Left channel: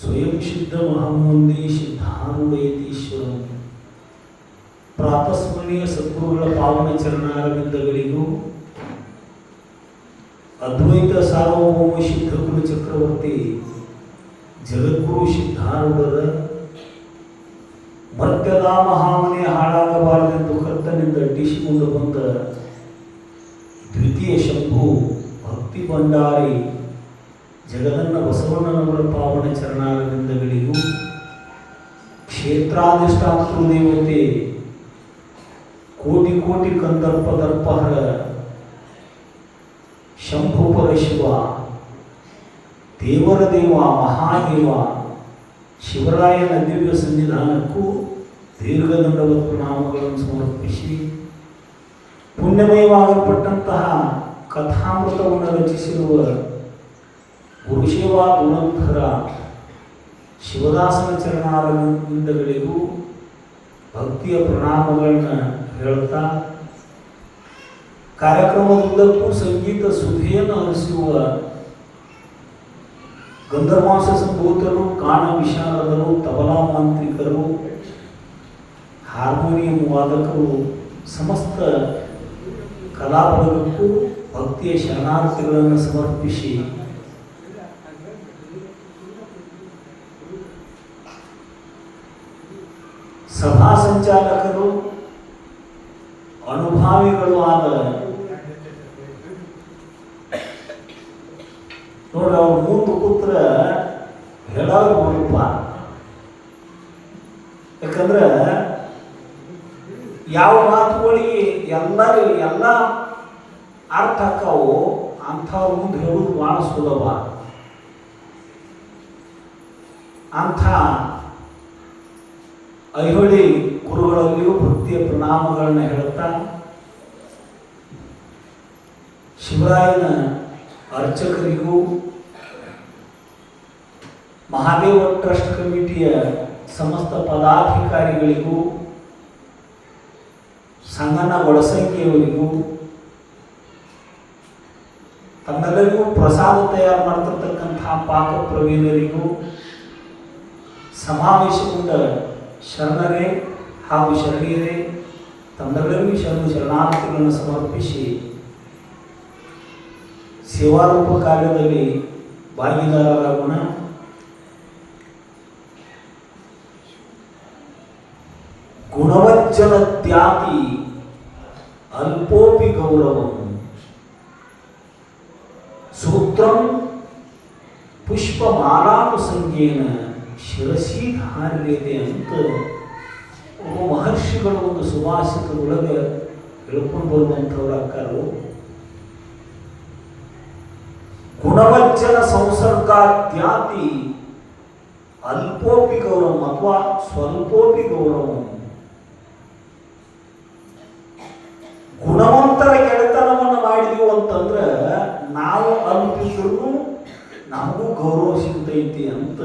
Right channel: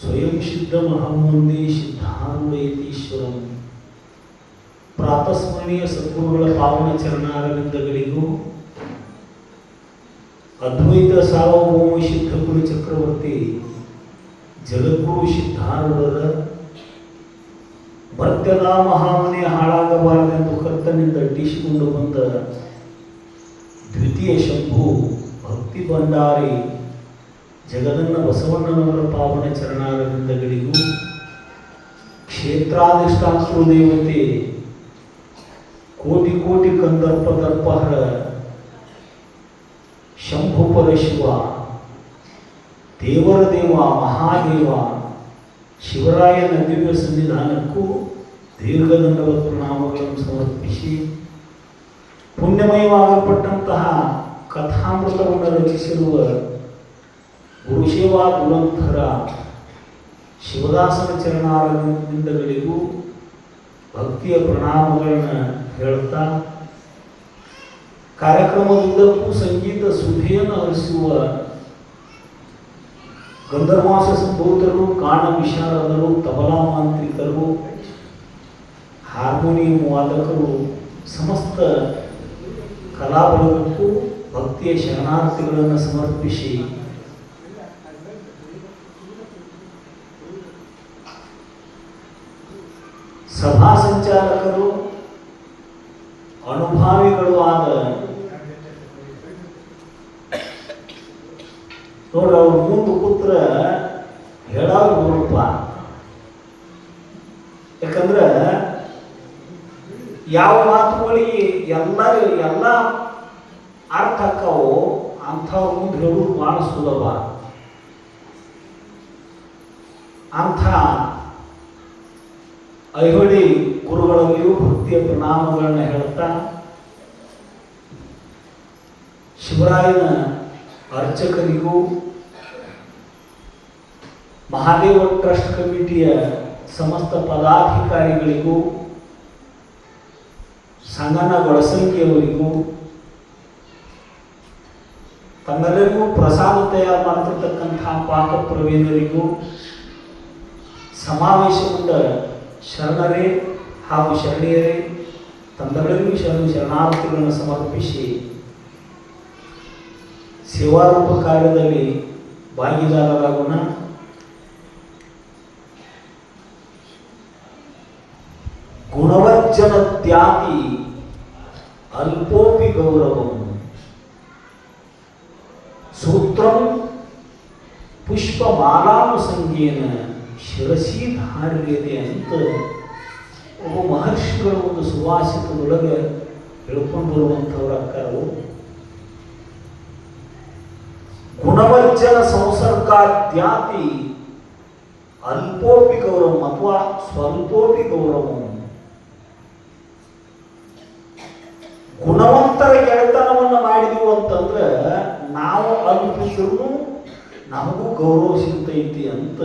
ಸ್ವಯಂ ಸಿದ್ಧ ಮಹಾಮಂದಿ ಸಿದ್ಧಾರೂಢಯತೀಶ್ವರಂ. ಪ್ರಾತಸ್ಮರಣೀಯ ಸದ್ಗುರುಗಳ ಪಾವನ ಚರಣಾರವಿಂದಗಳಿಗೂ ಅದ್ವೈತ ಸಾರ್ವಭೌಮ ಸಿದ್ಧಗುರು ಚಕ್ರವರ್ತಿ ಜಗದ್ಗುರು ಸಿದ್ಧಾರೂಢರ ಮರ್ತ್ಯದ ಮಹಾಮನೆ ಹಾಳಾಗಬಾರದೆಂದು ಕರ್ತನಿಂದ ಅಡ್ಡಿಸಿಕೊಂಡು ಬಂದ ದ್ವಿತೀಯ ಶಂಭು ಭಕ್ತಿ ಭಂಡಾರಿ ಜಗದನ್ನ ಬಸವಣ್ಣನವರ ಪಾವನ ಚರಣಾರವಿಂದಗಳಿಗೂ ಕ್ಷೇತ್ರಾಧಿಷ್ಠಾತೃ ದೇವತೆ ಕೋಟಿ ಕೋಟಿ ಕಂದರ್ಪ ದರ್ಪಹರ ಶಂಭುಪರ ಶಿವ ದೇವರ ದೇವ ಮಹಾದೇವ ಶಿವರಾಯನ ದಿವ್ಯ ಸನ್ನಿಧಾನಕ್ಕೂ ದೀರ್ಘದಂಡದ ಪ್ರಣಾಮಗಳನ್ನು ಸಮರ್ಪಿಸಿ ಪುಣ್ಯಮಯವಾಗಲ್ಪಟ್ಟಂತಹ ಕಥಾಮೃತವನ್ನು ರಚಿಸಿರುವ ಗುರುಶೇವಾ ದುರಂಧರ ಶಿವದಾಸನ ಚರಣಾರವಿಂದಗಳಿಗೂ ಭಕ್ತಿಯ ಪ್ರಣಾಮಗಳನ್ನು ಹೇಳುತ್ತಾ ಕಾರ್ಯಕ್ರಮದುದ್ದಕ್ಕೂ ಸಂಗೀತ ಸುಧೆಯನ್ನು ಹರಿಸುವ ಗಂಧರ್ವಾಂಶ ಸಂಭೂತರು, ಗಾನ ವಿಶಾರದರು, ತಬಲಾ ಮಾಂತ್ರಿಕರು, ಹಾರ್ಮೋನಿಯಂ ವಾದಕರು, ಸಮಸ್ತ ಕಲಾಬಲಕ್ಕೂ ಭಕ್ತಿಯ ಶರಣಾರ್ಥಿಗಳನ್ನು ಸಮರ್ಪಿಸಿ ಸಭಾ ಸಂಚಾಲಕರು ಅನುಭಾವಿಗಳು ಆದ ನೋಡ್ರಿ ಅವ್ರ ಮುಂದೆ ಕೂತ್ರ ಹೇಳೋರು ಬರಪ್ಪ. ಯಾಕಂದ್ರೆ ಯಾವ ಮಾತುಗಳಿಗೆ ಎಲ್ಲ ಅರ್ಥ ಆಕ್ಕಾವು ಅಂಥವ್ರ ಮುಂದೆ ಹೇಳೋದು ಬಹಳ ಸುಲಭ. ಅಂಥ ಐಹೊಳಿ ಗುರುಗಳಲ್ಲಿಯೂ ಭಕ್ತಿಯ ಪ್ರಣಾಮಗಳನ್ನ ಹೇಳುತ್ತಾ ಶಿವರಾಯನ ಅರ್ಚಕರಿಗೂ ಮಹಾದೇವ ಟ್ರಸ್ಟ್ ಕಮಿಟಿಯ ಸಮಸ್ತ ಪದಾಧಿಕಾರಿಗಳಿಗೂ ಸಂಗನ ಒಳಸಂಖ್ಯೆಯವರಿಗೂ ತಮ್ಮೆಲ್ಲರಿಗೂ ಪ್ರಸಾದ ತಯಾರು ಮಾಡ್ತಿರ್ತಕ್ಕಂತಹ ಪಾಕ ಪ್ರವೀಣರಿಗೂ ಸಮಾವೇಶಗೊಂಡ ಶರಣರೇ ಹಾಗೂ ಶರಣೀಯರೇ ತಮ್ಮೆಲ್ಲರಿಗೂ ಶರಣಾರ್ಥಿಗಳನ್ನು ಸಮರ್ಪಿಸಿ ಸೇವಾರೂಪ ಕಾರ್ಯದಲ್ಲಿ ಭಾಗಿದಾರರಾಗೋಣ. ಗುಣವಜ್ಜನ ತ್ಯಾತಿ ಅಲ್ಪೋಪಿ ಗೌರವಂ ಸೂತ್ರಂ ಪುಷ್ಪಮಾಲಾನುಸಂಗೇನ ಶಿರಸಿ ಧಾರ್ಯತೆ ಅಂತ ಒಬ್ಬ ಮಹರ್ಷಿಗಳು ಒಂದು ಸುವಾಸಿತದೊಳಗೆ ಹೇಳ್ಕೊಂಡು ಬರುವಂಥವ್ರು ಅಕ್ಕರು. ಗುಣವಜ್ಜನ ಸಂಸರ್ಗಾದ್ಯಾತಿ ಅಲ್ಪೋಪಿ ಗೌರವಂ ಅಥವಾ ಸ್ವಲ್ಪೋಪಿ ಗೌರವಂ. ಗುಣವಂತರ ಗೆಳೆತನವನ್ನು ಮಾಡಿದೆವು ಅಂತಂದ್ರೆ ನಾವು ಅಲ್ಪಿದ್ರು ನಮಗೂ ಗೌರವ ಸಿಗ್ತೈತಿ ಅಂತ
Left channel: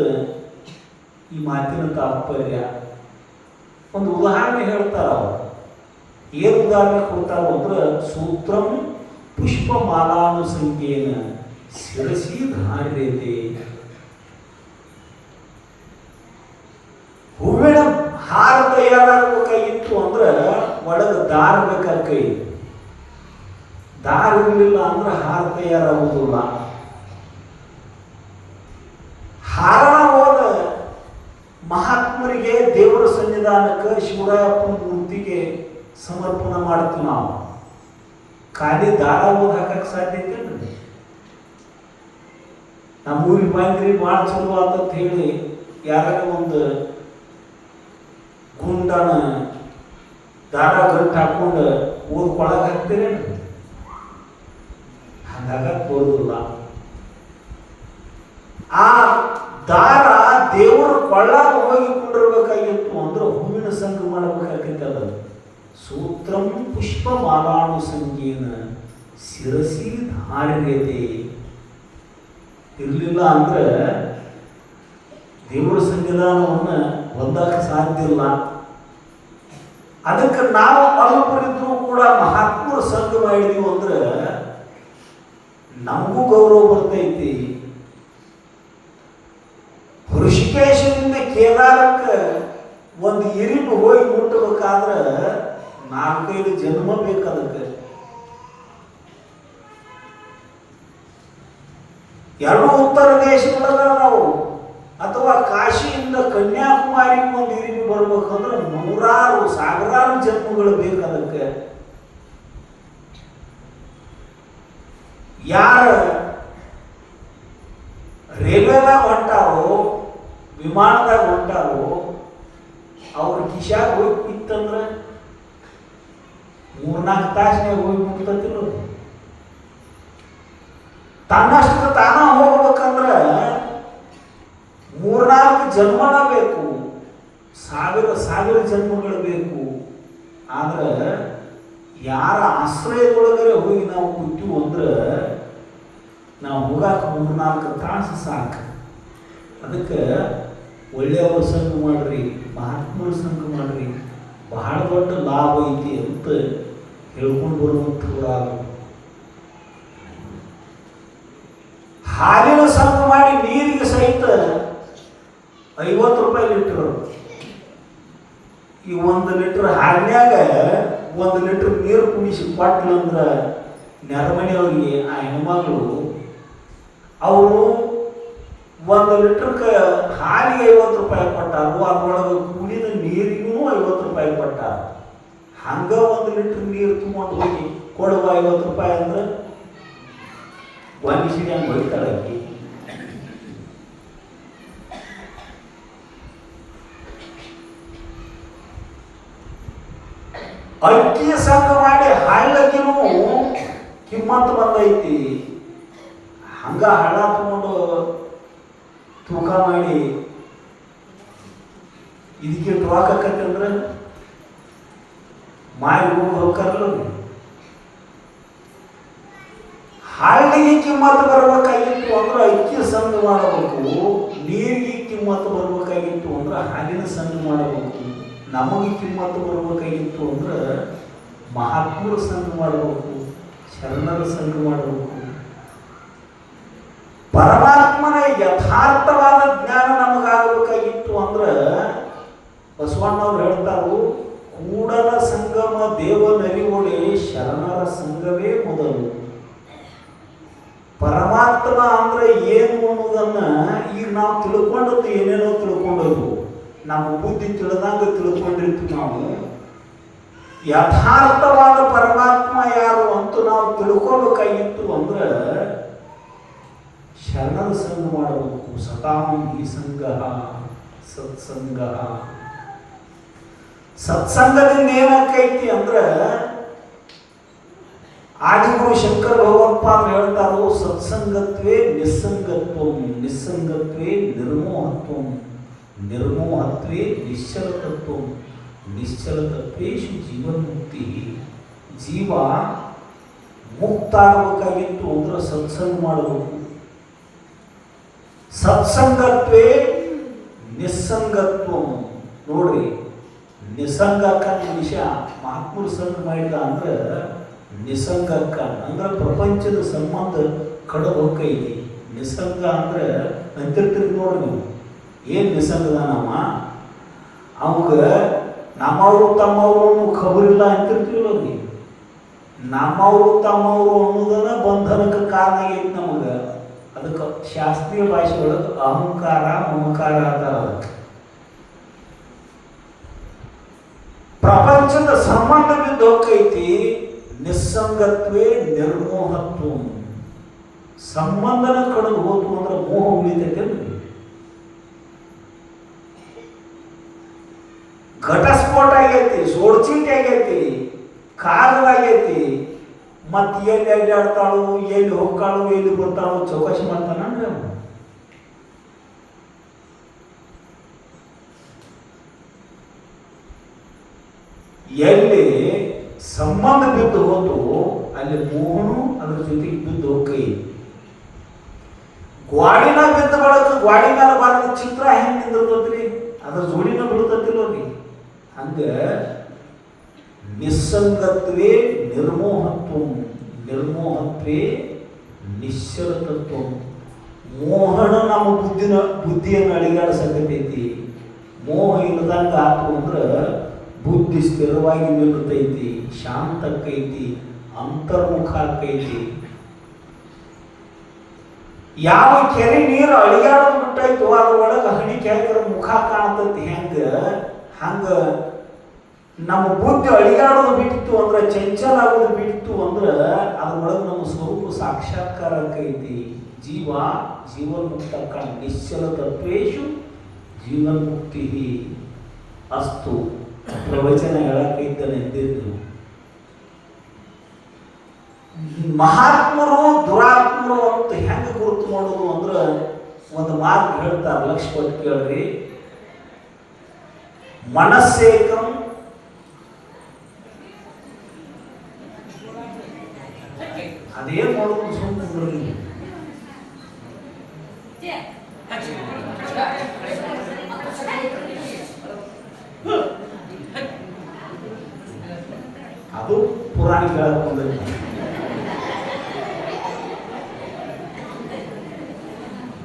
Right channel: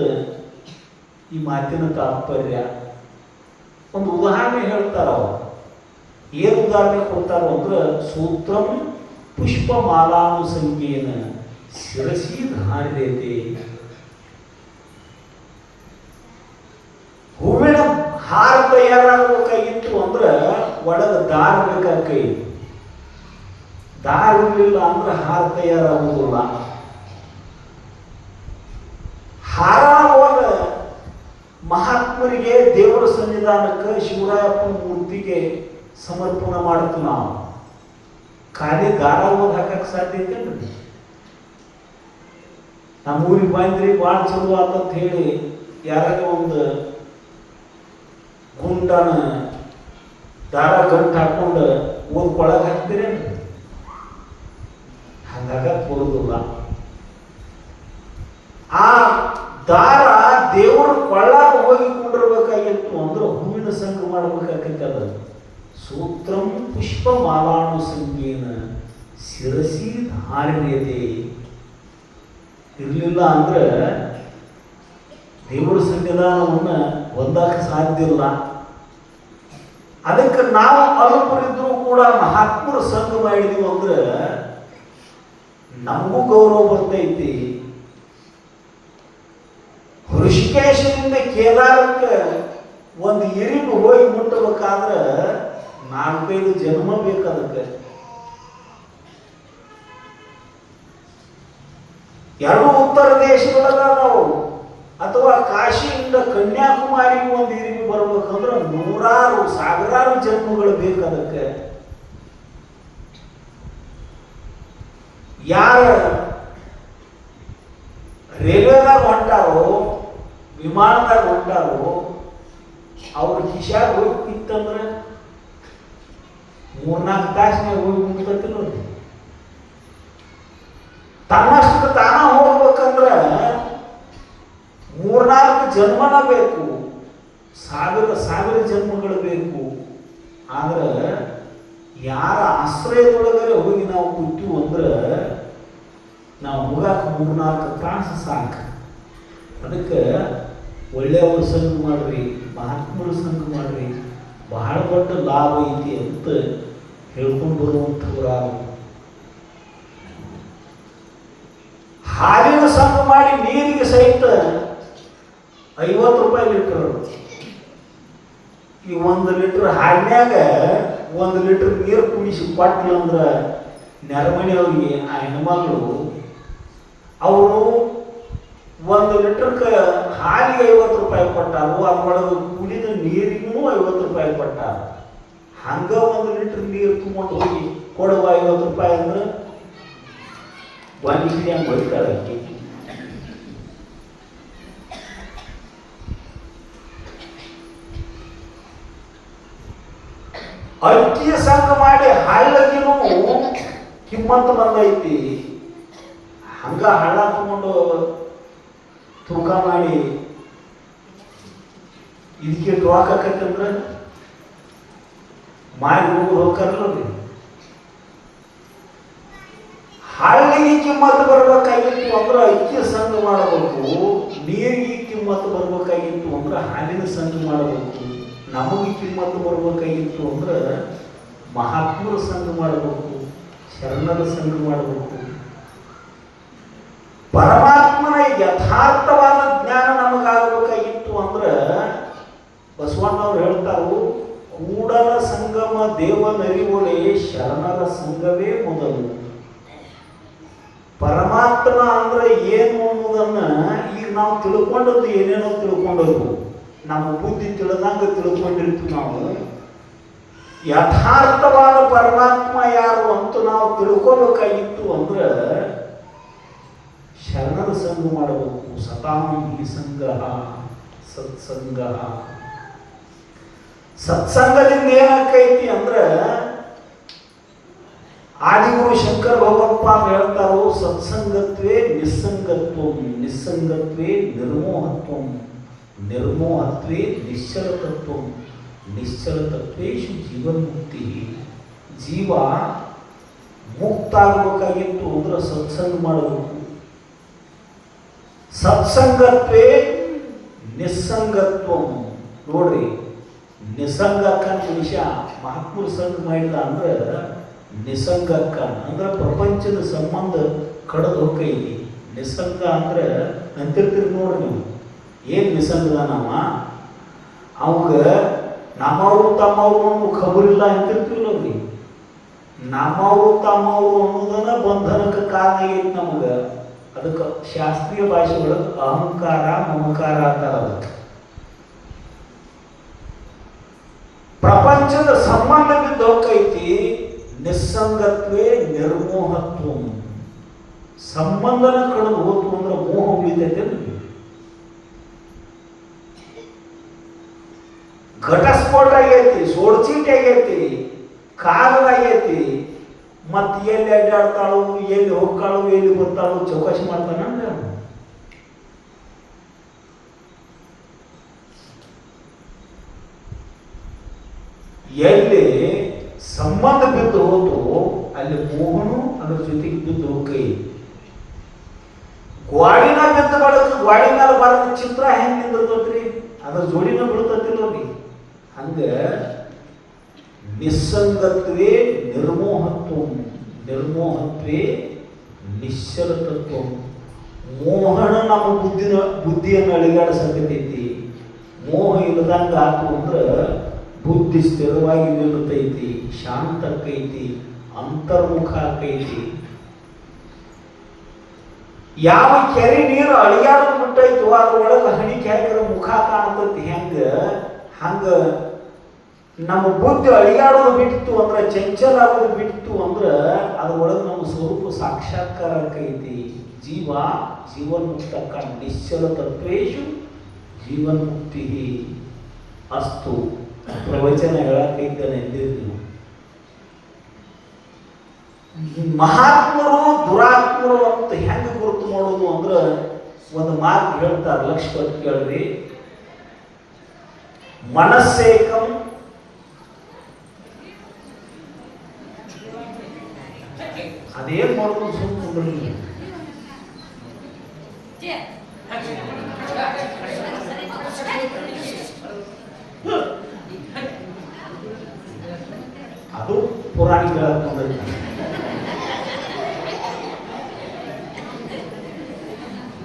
ಈ ಮಾತಿನ ತಾತ್ಪರ್ಯ. ಒಂದು ಉದಾಹರಣೆ ಹೇಳ್ತಾರ. ಏನು ಉದಾಹರಣೆ ಕೊಡ್ತಾರ ಅಂದ್ರೆ, ಸೂತ್ರಂ ಪುಷ್ಪಮಾಲಾನುಸಂಖ್ಯೇನ ಶಿರಸಿ ಧಾರ್ಯತೆ. ಹೂವಿನ ಹಾರ ತಯಾರಾಗಬೇಕಾಗಿತ್ತು ಅಂದ್ರೆ ಒಳಗೆ ದಾರ ಬೇಕಾದ ಕೈ. ದಾರ ಇರಲಿಲ್ಲ ಅಂದ್ರೆ ಹಾರ ತಯಾರಾಗುವುದಿಲ್ಲ. ಹಾರ ಹೋದ ಮಹಾತ್ಮರಿಗೆ, ದೇವರ ಸನ್ನಿಧಾನಕ್ಕೆ, ಶಿವರಾಯಪ್ಪನ ಮೂರ್ತಿಗೆ ಸಮರ್ಪಣೆ ಮಾಡ್ತೀವಿ ನಾವು. ಖಾಲಿ ದಾರ ಓದ್ ಹಾಕಕ್ಕೆ ಸಾಧ್ಯತೆ ನಮ್ಮ ಊರಿಗೆ ಬಂದ್ರಿ ಭಾಳ ಚಲೋ ಆತಂತ ಹೇಳಿ ಯಾರು ಒಂದು ಗುಂಡನ ದಾರ ಗಂಟು ಹಾಕೊಂಡು ಓದ್ಕೊಳಗೆ ಹಾಕ್ತೀರಿ, ಹಾಗಾಗಕ್ಕೆ ಬರೋದಿಲ್ಲ. ಆ ದಾರ ದೇವರ ಕೊಳ್ಳಾಗ ಹೋಗಿ ಕುಂಡಿರ್ಬೇಕಾಗಿತ್ತು ಅಂದ್ರೆ ಹೂವಿನ ಸಂಘ ಮಾಡಬೇಕಾಗಿತ್ತು. ಅದ ಸೂತ್ರಂ ಪುಷ್ಪಮಾಲಾನುಸಂಖ್ಯೇನ ಶಿರಸಿ ಧಾರ್ಯತೆ. ಇರಲಿಲ್ಲ ಅಂದ್ರೆ ದೇವರ ಸನ್ನಿಧಾನವನ್ನು ಹೊಂದಕ್ಕೆ ಸಾಧ್ಯ ಇಲ್ಲ. ಅದಕ್ಕೆ ನಾವು ಅಲ್ಪರಿದ್ರು ಕೂಡ ಮಹಾತ್ಮರ ಸಂಘ ಮಾಡಿದೀವಿ ಅಂದ್ರೆ ನಮಗೂ ಗೌರವ ಬರ್ತೈತಿ. ಋಷಿಕೇಶದಿಂದ ಕೇದಾರಕ್ಕೆ ಒಂದು ಇರಿಬು ಹೋಗಿ ಮುಟ್ಟಬೇಕಾದ್ರೆ 4-5 ಜನ್ಮ ಬೇಕಾದಕ್ಕೆ. ಎರಡು ಉತ್ತರ ದೇಶದೊಳಗ ನಾವು ಅಥವಾ ಕಾಶಿಯಿಂದ ಕನ್ಯಾಕುಮಾರಿಗೆ ಒಂದು ಇರಿಬಿ ಬರ್ಬೇಕಂದ್ರೆ 100,000 ಜನ್ಮಗಳು ಬೇಕಾದಕ್ಕೆ. ಯಾರ ರೈಲ್ವೆದಾಗ ಹೊಂಟಾರೋ, ವಿಮಾನದಾಗ ಹೊಂಟಾರೋ, ಅವ್ರ ಕಿಶಾಗ ಹೋಗಿತ್ತಂದ್ರೆ 3-4 ತಾಸಿನಾಗ ಹೋಗಿ ಮುಟ್ತಿಲ್ಲ. ತನ್ನಷ್ಟು ತಾನ ಹೋಗ್ಬೇಕಂದ್ರೆ 3-4 ಜನ್ಮನ ಬೇಕು, 1,000 ಜನ್ಮಗಳು ಬೇಕು. ಆದ್ರೆ ಯಾರ ಆಶ್ರಯದೊಳಗರೆ ಹೋಗಿ ನಾವು ಕೂತು ಅಂದ್ರೆ ನಾವು ಹೋಗಾಕ 3-4 ತಾಸು ಸಾಕು. ಅದಕ್ಕೆ ಒಳ್ಳೆಯವ್ರ ಸಂಘ ಮಾಡ್ರಿ, ಮಹಾತ್ಮರ ಸಂಘ ಮಾಡ್ರಿ, ಬಹಳ ದೊಡ್ಡ ಲಾಭ ಐತಿ ಅಂತ ಹೇಳ್ಕೊಂಡು ಬರುವಂಥವ್ರು. ಹಾಲಿನ ಸಂಘ ಮಾಡಿ ನೀರಿಗೆ ಸಹಿತ 50 ರೂಪಾಯಿ ಲೀಟರ್. ಈ 1 ಲೀಟರ್ ಹಾಲಿನ್ಯಾಗ 1 ಲೀಟರ್ ನೀರು ಕುಡಿಸಿ ಕೊಟ್ಲು ಅಂದ್ರೆ ನೆರಮನೆಯವ್ರಿಗೆ ಆ ಹೆಣ್ಮಗಳು ಅವರು 1 ಲೀಟರ್ಗೆ ಹಾಲಿಗೆ 50 ರೂಪಾಯಿ ಕೊಟ್ಟಾರು, ಅದರೊಳಗೆ ಕುಡಿದ ನೀರಿಗೂ 50 ರೂಪಾಯಿ ಕೊಟ್ಟಾರ. ಹಂಗ 1 ಲೀಟರ್ ನೀರು ತುಂಬಿಕೊಂಡು ಹೋಗಿ ಕೊಡುವ 50 ರೂಪಾಯಿ ಅಂದ್ರೆ ಒಂದು ಸಿಡಿ ಹಂಗೆ ಹೋಗ್ತಾರೆ. ಅಕ್ಕಿಯ ಸಂಘ ಮಾಡಿ ಹಳ್ಳಗಿನೂ ಕಿಮ್ಮತ್ತು ಬಂದೈತಿ. ಹಂಗ ಹಳ್ಳ ತಗೊಂಡು ತೂಕ ಮಾಡಿ ಇದಕ್ಕೆ ಟೊವಾಕತ್ತಂದ್ರೆ ಮಾರಿ ಹೋಗ್ತಾರಲ್ಲ. ಹಳ್ಳಿಗೆ ಕಿಮ್ಮತ್ತು ಬರ್ಬೇಕಾಗಿತ್ತು ಅಂದ್ರೆ ಅಕ್ಕಿ ಸಂಘ ಮಾಡಬೇಕು, ನೀರಿಗೆ ಕಿಮ್ಮತ್ತು ಬರ್ಬೇಕಾಗಿತ್ತು ಅಂದ್ರೆ ಹಾಲಿನ ಸಂಘ ಮಾಡಬೇಕು, ನಮಗೆ ಕಿಮ್ಮತ್ತು ಬರ್ಬೇಕಾಗಿತ್ತು ಅಂದ್ರೆ ಮಹಾತ್ಮರ ಸಂಘ ಮಾಡಬೇಕು, ಶರಣರ ಸಂಘ ಮಾಡಬೇಕು. ಪರಮಾತ್ಮನ ಯಥಾರ್ಥವಾದ ಜ್ಞಾನ ನಮಗಾಗಬೇಕಾಗಿತ್ತು ಅಂದ್ರೆ ಬಸವಣ್ಣವ್ರು ಹೇಳ್ತಾರು, ಕೂಡಲ ಸಂಗಮ ದೇವನರಿವೊಡೆ ಶರಣರ ಸಂಘವೇ ಮೊದಲು. ಪರಮಾತ್ಮ ಅಂದ್ರೆ ಏನು ಅನ್ನೋದನ್ನ ಈಗ ನಾವು ತಿಳ್ಕೊಂಡದ್ದು ಏನೇನೋ ತಿಳ್ಕೊಂಡದ್ದು, ನಮ್ಮ ಬುದ್ಧಿ ತಿಳಿದಂಗ ತಿಳ್ಕೊಂಡಿರ್ತೀವಿ. ನಾವು ಯಥಾರ್ಥವಾದ ಪರಮಾತ್ಮ ಯಾರು ಅಂತ ನಾವು ತಿಳ್ಕೊಬೇಕಾಗಿತ್ತು ಅಂದ್ರೆ ಶರಣರ ಸಂಘ ಮಾಡಬೇಕು. ಸತಾಮಿ ಸಂಘ ಸತ್ಸಂಗ. ಸತ್ಸಂಗದಿಂದ ಏನಾಕೈತಿ ಅಂದ್ರೆ ಆದಿಗುರು ಶಂಕರ ಭಗವತ್ಪ ಅಂತ ಹೇಳ್ತಾರೋ, ಸತ್ಸಂಗತ್ವೇ ನಿಸ್ಸಂಗತ್ವಂ, ನಿಸ್ಸಂಗತ್ವೇ ನಿರ್ಮೋಹತ್ವಂ, ನಿರ್ಮೋಹತ್ವೇ ನಿಶ್ಚಲತತ್ವಂ, ನಿಶ್ಚಲತತ್ವೇಶು ಜೀವನ್ಮುಕ್ತಿ. ಜೀವ ಮುಕ್ತ ಆಗಬೇಕಾಗಿತ್ತು ಅಂದ್ರೆ ಸತ್ಸಂಗ ಮಾಡಬೇಕು. ಸತ್ಸಂಗತ್ವೇ ನಿಸ್ಸಂಗತ್ವಂ. ನೋಡ್ರಿ, ನಿಸಂಗಕ್ಕನ ಮನುಷ್ಯ ಮಹಾತ್ಮರು ಸಂಘ ಮಾಡಿದ ಅಂದ್ರೆ ನಿಸಂಗಕ್ಕ ಅಂದ್ರೆ ಪ್ರಪಂಚದ ಸಂಬಂಧ ಕಡದು ಹೋಗೈತಿ. ನಿಸಂಗ ಅಂದ್ರೆ ಅಂತಿರ್ತೀರಿ ನೋಡ್ರಿ ನೀವು, ಏನು ನಿಸಂಗದ ನಾವ ಅವಾಗ ನಮ್ಮವರು ತಮ್ಮವರು ಖಬರಿಲ್ಲ ಅಂತಿರ್ತೀವಲ್ಲ ರೀ. ನಮ್ಮವರು ತಮ್ಮವರು ಅನ್ನೋದನ್ನ ಬಂಧನಕ್ಕೆ ಕಾರಣ ಆಗೈತಿ ನಮಗೆ. ಅದಕ್ಕೆ ಶಾಸ್ತ್ರೀಯ ಭಾಷೆ ಒಳಗೆ ಅಹಂಕಾರ ಮಮಕಾರ ಅಂತಾರ. ಅದಕ್ಕೆ ಪ್ರಪಂಚದ ಸಂಬಂಧ ಬಿದ್ದು ಹೋಗೈತಿ. ನಿಸ್ಸಂಗತ್ವೇ ನಿರ್ಮೋಹತ್ವ. ಸಂಬಂಧನ ಕಳೆದು ಹೋತು ಅಂದ್ರೆ ಮೋಹ ಉಳಿತೈತೆ. ಘಟಸ್ಫೋಟ ಆಗೈತಿ, ಸೋಡ್ಚೀಟ್ ಆಗೈತಿ, ಕಾಗವಾಗೈತಿ. ಮತ್ತೆ ಎಲ್ಲಿ ಅಡ್ಡಾಡ್ತಾಳು, ಎಲ್ಲಿ ಹೋಗ್ತಾಳು, ಎಲ್ಲಿ ಬರ್ತಾಳು ಚೌಕಾಶಿ ಮಾಡ್ತಾನ. ಎಲ್ಲಿ ಸಂಬಂಧ ಬಿದ್ದು ಹೋತು ಅಲ್ಲಿ ಮೋಹನು ಅದ್ರ ಜೊತೆಗೆ ಬಿದ್ದು ಹೋಗೈ. ಗ್ವಾಡಿನ ಬಿದ್ದ ಬಳಕ ಗ್ವಾಡಿ ಮೇಲೆ ಬರೋದು ಚಿತ್ರ ಹೆಂಗ್ ನಿಂದಿರ್ತೈತ್ರಿ, ಅದ್ರ ಜೋಡಿನ ಬೀಳ್ತತಿಲ್ರಿ. ಹಂಗ ನಿಸ್ಸಂಗತ್ವೇ ನಿರ್ಮೋಹತ್ವ, ನಿರ್ಮೋಹತ್ವೇ ನಿಶ್ಚಲತತ್ವ. ಮೋಹನ ನಮ್ಮ ಬುದ್ಧಿಯನ್ನು ಅಳಿಗಾಡಿಸಕತೈತಿ. ಮೋಹ ಇಲ್ಲದಂಗ ಆತು ಅಂದ್ರೆ ಬುದ್ಧಿ ಸ್ಥಿರವಾಗಿ ನಿಲ್ಲತೈತಿ, ಶಾಂತ ಆಕೈತಿ, ಅಂತರ್ಮುಖ ಆಕೈತಿ. ಯಾವ ಕೆರೆ ನೀರು ಅಳಿಯಾಡೋದು ಬಿಟ್ಟೈತು ಅದ್ರೊಳಗೆ ಹಣಿ ಕೆರೆ ಮುಖ ಕಾಣ್ತೈತಿ. ಹಂಗ ನಮ್ಮ ಬುದ್ಧಿ ಅಳಿಯಾಡೋದು ಬಿಟ್ಟು ಅಂದ್ರೆ ಚಂಚಲ ಆಗೋದು ಬಿಟ್ಟು ಅಂದ್ರೆ ಅದ್ರೊಳಗೆ ನಮ್ಮ ಸ್ವರೂಪ ಸಾಕ್ಷಾತ್ಕಾರ ಆಕೈತಿ. ಜೀವನ್ಮುಕ್ತ ನಿಶ್ಚಲ ತತ್ವೇಶು ಜೀವನ್ಮುಕ್ತಿ ಅಸ್ತು. ಪ್ರವಚನ ಹೇಳಕ್ಕಿದ್ದನೆಂದಿದ್ದು. ಮಹಾತ್ಮರು ದುರಾತ್ಮರು ಅಂತ ಹೆಂಗೆ ಗುರುತು ಮಾಡೋದು ಅಂದ್ರೆ ಒಂದು ಮಾತು ಹೇಳ್ತಾರೆ, ಲಕ್ಷ ಕೊಟ್ಟು ಕೇಳ್ರಿ. ಮನಸ್ಸೇಕಂ ಅದೇ ಮಾಡೋದು ಸುಮ್ಮನೆ. ಅದು ಪುರಾಣ ಕೇಳಕೊಂಡ್ರಿ.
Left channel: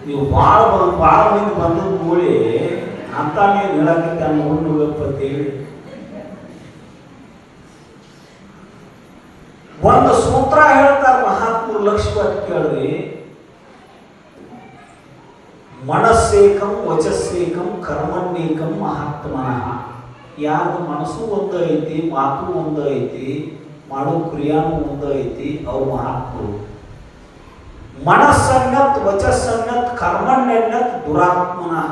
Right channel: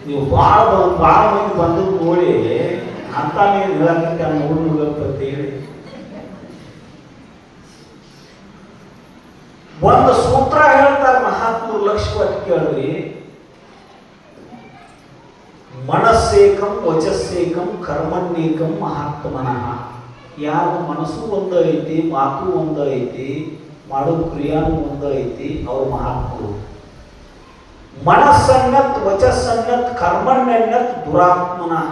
ನೀವು ಭಾಳ ಮಂದಿ ಬಂದು ನೋಡಿ ಅಂತ ನೀವು ಹೇಳಕ್ಕೆ ನೋಡ್ಬೇಕು ಹೇಳಿ. ಒಂದು ಸೂತ್ರ ಹೇಳ್ತಾರೆ ಮಹಾತ್ಮರು, ಲಕ್ಷ ಕೊಟ್ಟು ಕೇಳ್ರಿ. ಮನಸ್ಸೇಕಂ ವಚಸ್ಸೇಕಂ ಕರ್ಮಣ್ಯೇಕಂ ಮಹಾತ್ಮನಃ. ಯಾರು ಮನಸ್ಸು ಒಂದು ಐತಿ, ಮಾತು ಒಂದು ಐತಿ, ಮಾಡೋ ಕ್ರಿಯಾನು ಒಂದು ಐತಿ, ಅವು ಮಹಾತ್ಮರು. ಮನಸ್ಸನ್ನತ್ ವಚಸ್ಸನ್ನತ್ ಕರ್ಮಣ್ಯನ್ನತ್ ದುರಾತ್ಮನಃ.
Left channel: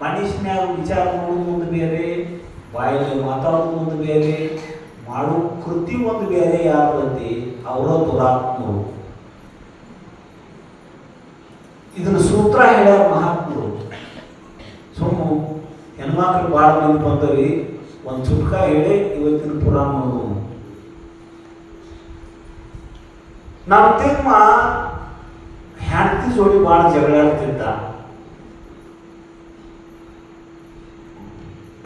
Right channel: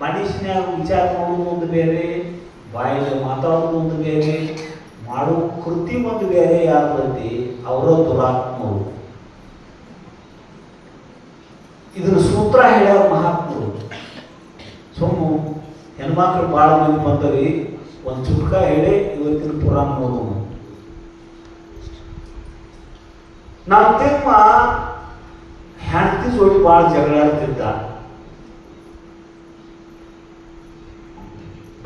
ಮನುಷ್ಯನ್ಯಾಗ ವಿಚಾರ ಮಾಡೋದು ಒಂದು ಬೇರೆ, ಬಾಯಿಗೆ ಮಾತಾಡೋದು ಒಂದು ಬೇರೆ, ಮಾಡೋ ಕೃತಿ ಒಂದು ಬೇರೆ. ಯಾರೈತಿ ಅವರ ದುರಾತ್ಮರು. ಇದನ್ನ ಸೂತ್ರ ಹೇಳ್ಯಾರ ಮಹಾತ್ಮರು. ಸುಮ್ಮ ಹೆಣ್ಮಕ್ಳು ಭಾಳ ಮಂದಿ ಬಂದವಿ, ಒಂದು ಚುಟ್ಕ ಹೇಳಿ ಇವತ್ತಿನ ಪುರಾಣ ನೋಡೋಣ. ನಾವು ತಿಮ್ಮ ಹೆಂಡತಿ ಜೋಡಿ ಭಾಳ ಜಗಳಾಡ್ತಿದ್ದ,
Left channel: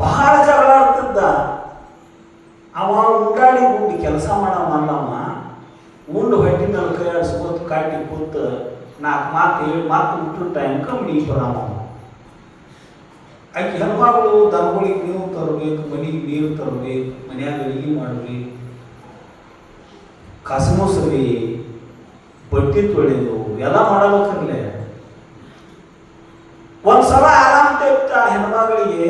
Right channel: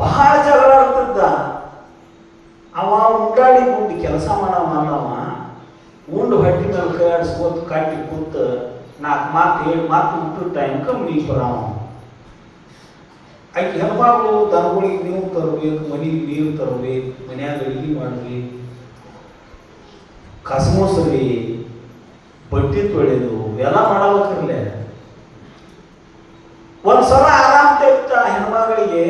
ಬಹಳ ಜಗಳಾಡ್ತಿದ್ದ. ಅವ ಉಂಡಾಡಿ ಗುಂಡಿ ಕೆಲಸ ಮಾಡವ, ಉಂಡು ಹೊಟ್ಟಿ ಮೇಲೆ ಕೈ ಆಡಿಸ್ಕೋತ ಕಾಟಿ ಕೂತ 4 ಮಾತು 7 ಮಾತು ಬಿಟ್ಟು ಟೈಮ್ ಕಮ್ಮಿ ಬರವ. ಆಕೆ ಹೆಣ್ಮಗಳು ದನಗಳಿಗೆ ನೀವು ತರಬೇಕು, ಮನೆಗೆ ನೀರು ತರಬೇಕು, ಮನ್ಯಾಗ ಅಡಿಗೆ ಮಾಡಬೇಕು, ಕಸ ಮೊಸರಿ, ಬಟ್ಟೆ ತೊಳೆದು ಎಲ್ಲ ಮಾಡಬೇಕಲ್ಲೇ. ಒಂದ್ಸಲ ಆರಾಮ ತೆಗ್ತ ಹೆಣ್ಮಗಳಿಗೆ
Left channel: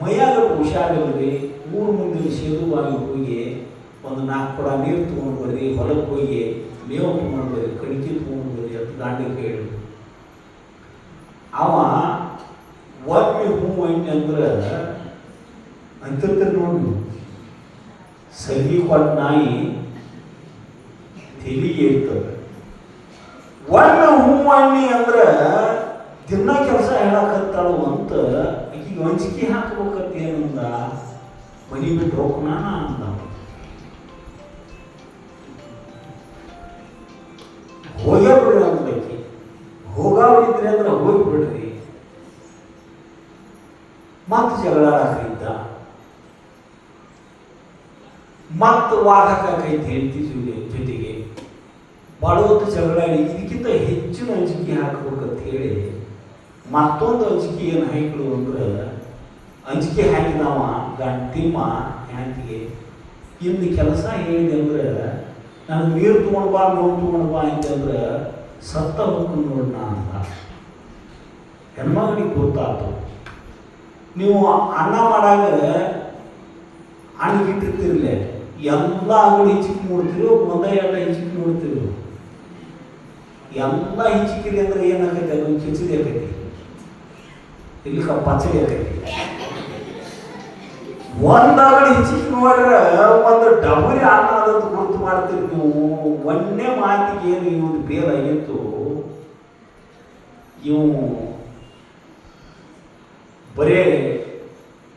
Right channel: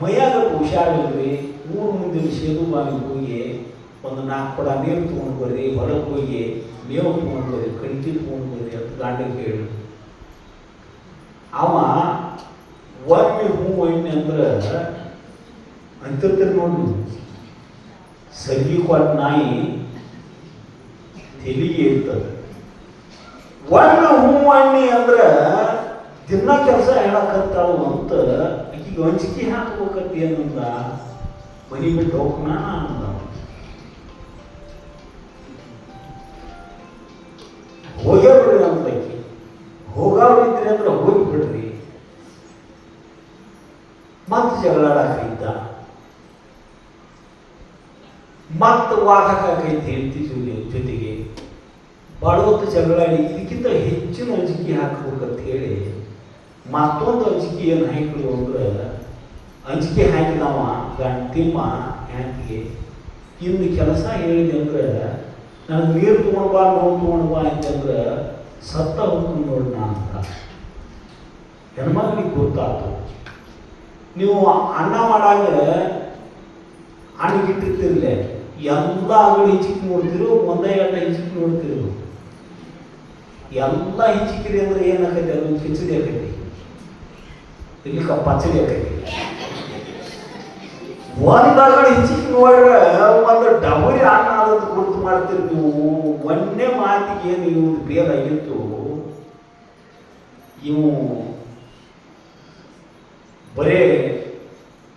ಮೈಯಾಗ ಹುಷಾರಿಲ್ರಿ. ಊರು ಮುಂದಿನ ಸೇದು ಬಾವಿ ಹೋಗಿ ಒಂದು 4 ಕೊಡ ನೀರು ತೊಗೊಂಡು ಬರ್ರಿ, ಹೊಲಕ್ಕೆ ಹೋಗಿ ಮೇವು ತೊಗೊಂಡು ಬರ್ರಿ, ಕಣಿಕೆ ತೊಗೊಂಡು ಬರ್ರಿ ಅಂತ ಗಾಂಡಿಗೆ ಹೇಳಿ. ಅವ ಒಮ್ಮೆ ಒಮ್ಮೆ ಅಂದ್ರೆ ಅಂತಿರ್ತೀರಿ ನೋಡಿ, ಸಲಿಗೆ ಕೊಟ್ಟ ನಾಯಿ ತೆಲಿಗೆ ಇರ್ತದೆ. ಒಮ್ಮೆ ಒಮ್ಮೆ ಅಂದ್ರೆ ದಿನ ಕೆಲಸ ಹೇಳಕತ್ತಾಳು ಅಂತ ಈಗ ವಂಚಿಕೆ ಹಾಕ್ಬೇಕಂತ ಏನಂದ, ಮನಿ ಬಿಟ್ಟು ಹೋಗ್ನ ಅಂದ. ಹೋಗ್ಯಾಬಿಡ್ರಿ ಅಂತಕಿ, ಹೋಗೋರಿದ್ರೆ ಅಂದ್ರೆ ಹೋಗಿಬಿಡ್ರಿ. ಮತ್ತೆ ಜಗಳ ಹಾಕಿದ್ದ. ಮತ್ತು ವಾದಕ್ಕಾಗೈತೆ ಹೆಂಡತಿ ಜೊತೆಗೆ ಭಾಳ ಹೊತ್ತು ಜಗಳಾಡಿ ಇದಕ್ಕಿಂತ ಹೆಚ್ಚಿನ ಅಂಜಿಕೆ ಹಾಕ್ಬೇಕಂತ ಹೇಳಿ ಮತ್ತೊಂದು ಅಂಜಿಕೆ ಏನು ಹಾಕಿದ್ರು ಅಂದ್ರೆ ಅಂಜಿಕೆ ಹಾಕಿದವ ತಿಮ್ಮ ಹೆಂಡತಿಗೆ ಇನ್ನು ಕೆಲಸ ಹೇಳಿದೆ ಅಂದ್ರೆ ನನಗೆ ನೀರು ತೊಗೊಂಡು ಬಾ ನೋವು ತೊಗೊಂಡು ಬಾ ಅಂತಂದ್ರೆ ಸತ್ತ ಹೋಗ್ಕೊಂಡು ನೋಡೋಣ ಅಂತ ಹೆಣ್ಮಗಳಿಗೆ ಗೊತ್ತಾಯ್ತು. ನೀವು ಅನ್ನ ಮಾಡಾಗ ಅಣ್ಣಗಿಟ್ಟಿರ್ತಿರ್ಲೆ ಎಲ್ಲ ಅಂಗಡಿ ಹಿಚ್ಚಿಕ್ ನೋಡ್ತಿರು ಒಂದೇ ಎಲ್ಲ ಹಿಚ್ಚಿಕ್ ನೋಡ್ತಿರು ಎಲ್ಲ ಹಿಚ್ಚಿಕಿರಿ ಅಂದ್ರೆ ಏನಾಗೈತಿ ಅದೊಂದು ಕಿಚಡಿ ಆಕೈತಿ ಇಲ್ಲಿ ಪಚ್ಚಡಿ ಆಕೈತಿ. ಒಂದ್ ಅಂಗಡಿ ಹಿಚ್ಚಿಕ್ ನೋಡ್ರೆ ಒಂದು ಡಬರಿ ಅನ್ನ ಅದನ್ನು ಗುರುತು ಮಾಡ್ತಿರ್ ನೀವು ಒಂದೇ ಮಾತಿಗೆ ಏನು ಇವ್ದು ಬೇರಾಗಿತ್ತು. ಇವು ಬರೇ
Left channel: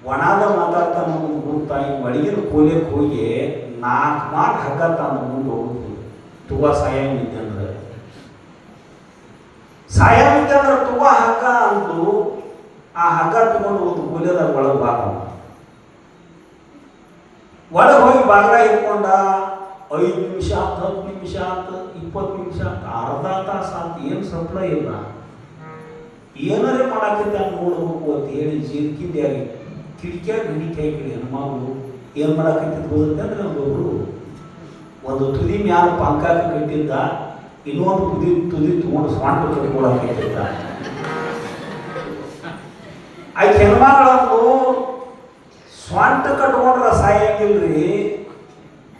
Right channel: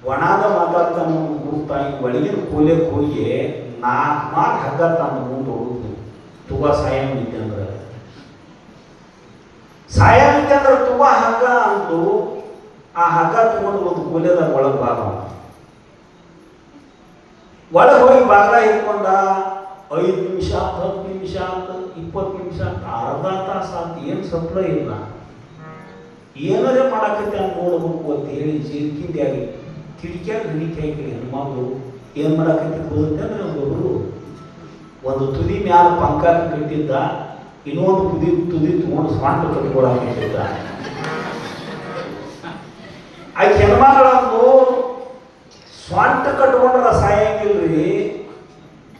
ಒಣದ ಮಾತಾಡ್ತಾನ ಗುರುತಾಗಿ ಒಳಗಿನ ಕೋಲೆಗೆ ಹೋಗಿ 4 ಮಾರ್ಕ್ ಹಗ್ಗ ತಾನು ಮುಂದೆ ಹೋಗುದು ತುಂಬ ಸಾಯ ಮಿದ್ದೆ ಅಂದ್ರೆ ತುಂಬ ಹಗ್ಗ ಅಂತು. ಆ ಹಗ್ಗ ತಗೊಂಡು ಒಂದು ಕೋಲೆದಾಗ ಒಳಗೆ ಭಾಗ ಒಳಗೆ ಹೋಗಿ ಭಾಗ ಇಟ್ಕೊಂಡ 5 ನಿಮಿಷ 10 ನಿಮಿಷ ಅಂತ 20 ನಿಮಿಷ ಅರ್ಧ ತಾಸು ಅಂತ ಏನು ಸಪ್ಲ ಇಲ್ಲ. ಏನಾರೇ ಮಾಡಾಕೈತೆ ಅಂತ ನೋಡ್ಬೇಕು ಅಂತ ಹೇಳಿ ಜಿರ್ಕಿಂಡಿಯಾಗಿ ಕಿಡಿಕ್ಯಾಗ ಹಿಡಿಕಾಯಿ ಹೆಣ್ಮಗಳು ಏನು ಮಾಡಾಕೈತಿ ಹೋಗುತ್ತೆ ಅಂದ್ರೆ ಒಬ್ಬೊಬ್ರು ಒಂದು ತುದಿ ಮ್ಯಾಲ ಪಂಕಾಕ ಕಟ್ಟಿದ್ದ, ಇನ್ನೊಂದು ತುದಿ ತಗೊಂಡು ಸ್ವಂಟ ಕಟ್ಕೊಳಕೈತಿದ್ದ. ಆಕೆ ಹೆಣ್ಮಗಳಂದು ಸ್ವಂಟ ಕಟ್ಕೊಂಡ್ರೆ ಸಾಯಂಗಿಲ್ರಿ,